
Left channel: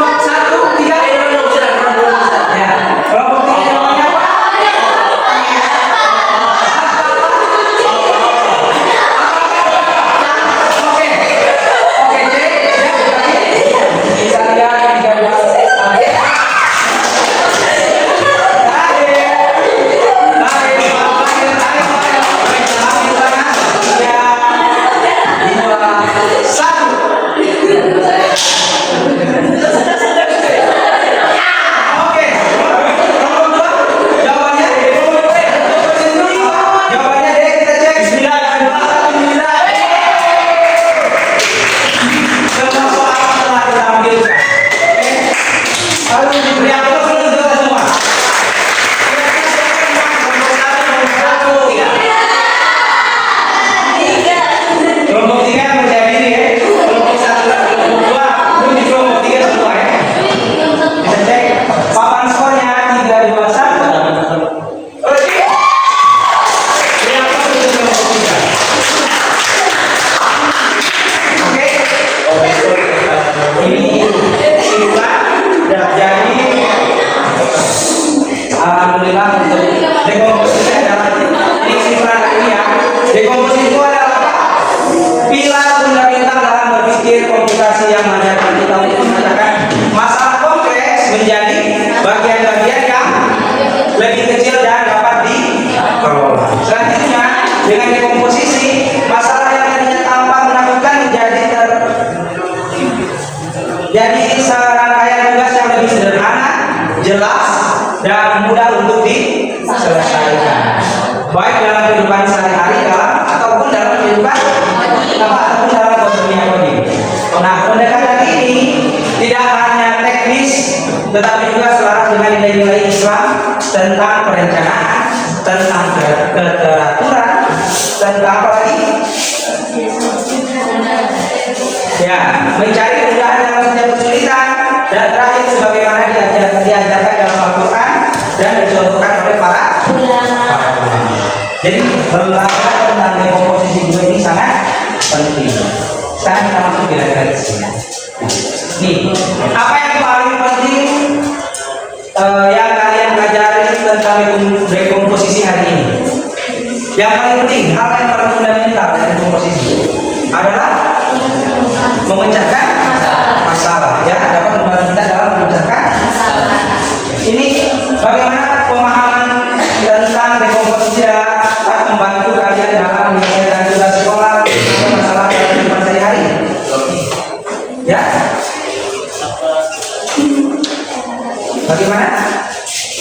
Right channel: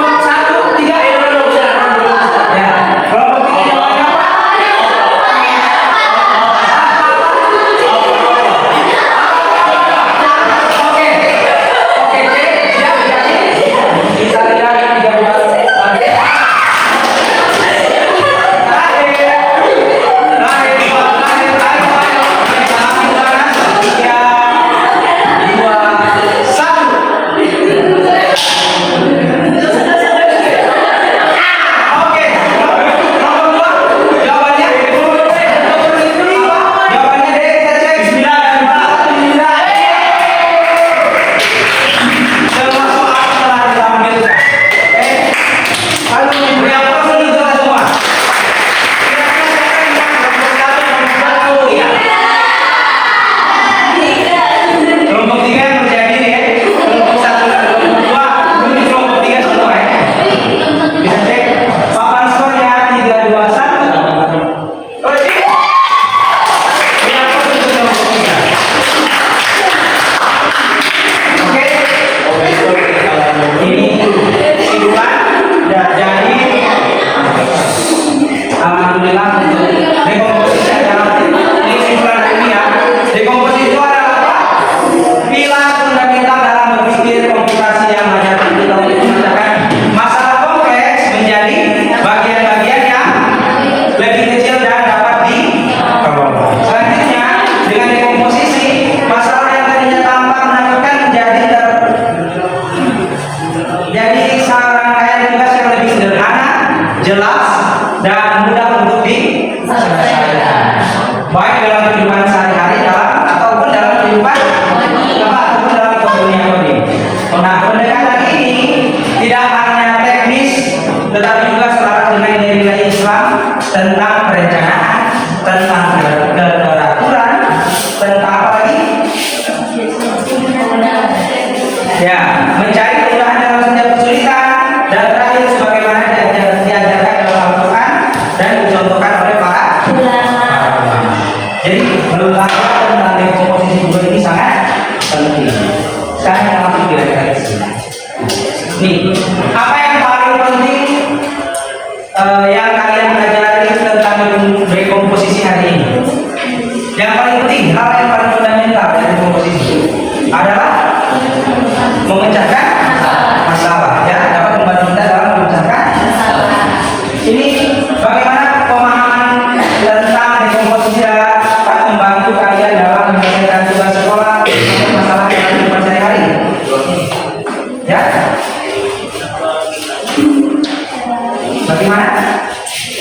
jelas dan mudah untuk diselesaikan. Baik dalam kehidupan sehari-hari ataupun dalam kehidupan ataupun dalam dunia coding. Nah, pendekatan ini tidak hanya teknis, tetapi juga selaras dengan nilai-nilai Islam tentang perencanaan, tentang keteraturan, tentang apa lagi? Ya, mencari kemudahan dalam setiap kesulitan, dan terakhir sebagaimana diajarkan dalam Al-Quran dan dicontohkan oleh para ulama. Jadi belajar tentang dekomposisi dua ini sangat penting. Sekarang kita masuk kira-kira ke sini. Nih, apa yang paling penting yang kalian pelajari tentang dekomposisi hari ini? Yang paling penting, hal yang paling fundamental dari dekomposisi adalah memecahkan masalah, ya, dapat membantu kita dalam memecahkan masalah. Ini bagaimana pemahaman tentang dekomposisi dapat membantu kalian dalam menyelesaikan tugas sekolah dan masalah dalam kehidupan sehari-hari, ya. Bagaimana?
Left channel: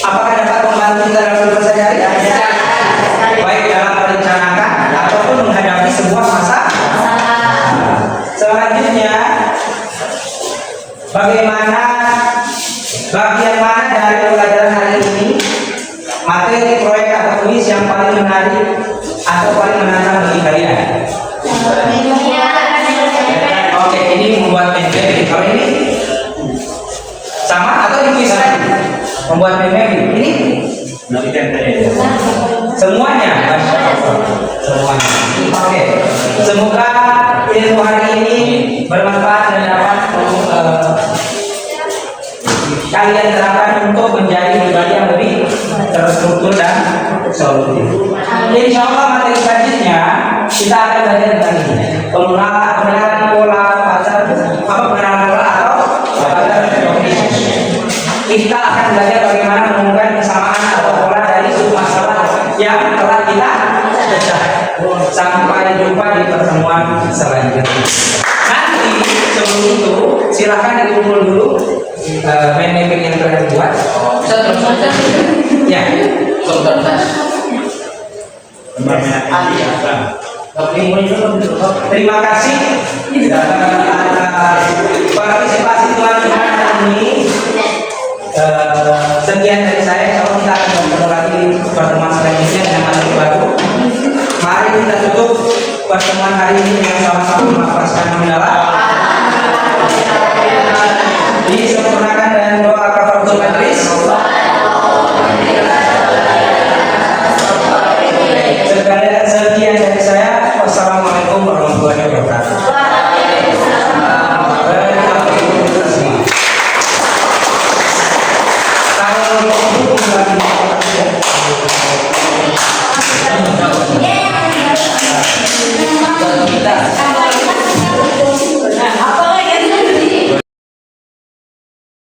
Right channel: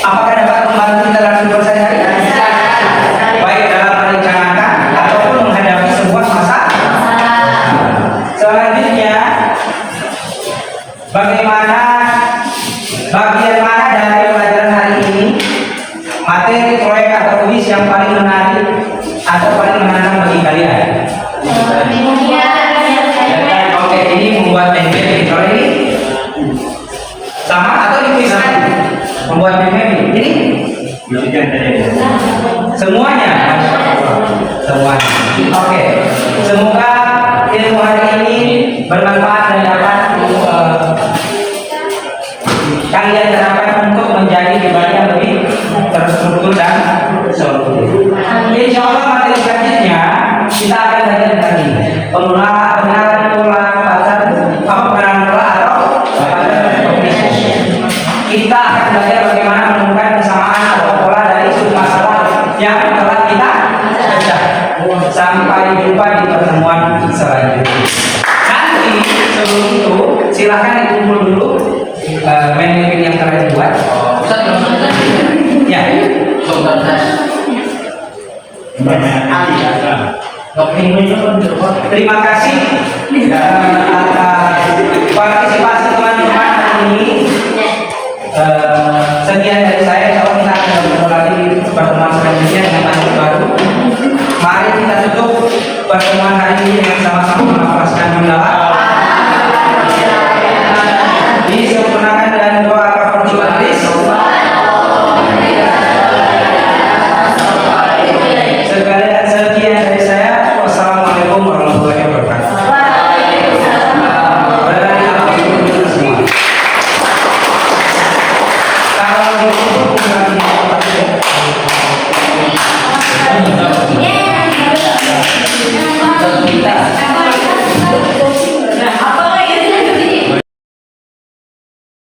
Apakah dapat membantu kita dalam kehidupan sehari-hari? Baik dalam merencanakan ataupun menghadapi sebuah masalah. Selanjutnya, bagaimana bagian mana dari pelajaran hari ini materi proyek atau kuis yang paling menarik atau paling menantang bagi kalian? Oke, ini membuat memory. Kalau ini sama atau di kuis tadi? Membuat memory. Ini semuanya, Masya Allah. Semuanya. Oke, semoga ilmu hari ini bermanfaat dan dapat kalian terapkan untuk menjadi pribadi yang lebih terstruktur dan solutif. Insya Allah materi selanjutnya kita akan belajar tentang ini, pengenalan pola pasar, pengenalan pola atau pasar kognisi. Kita akan belajar bagaimana menemukan kesamaan atau pola dari suatu masalah yang telah kita pecah. Sampai jumpa di pertemuan selanjutnya. Nanti sebelum itu silahkan dikumpul dulu main mapping yang telah dibuat. Ya. Terima kasih atas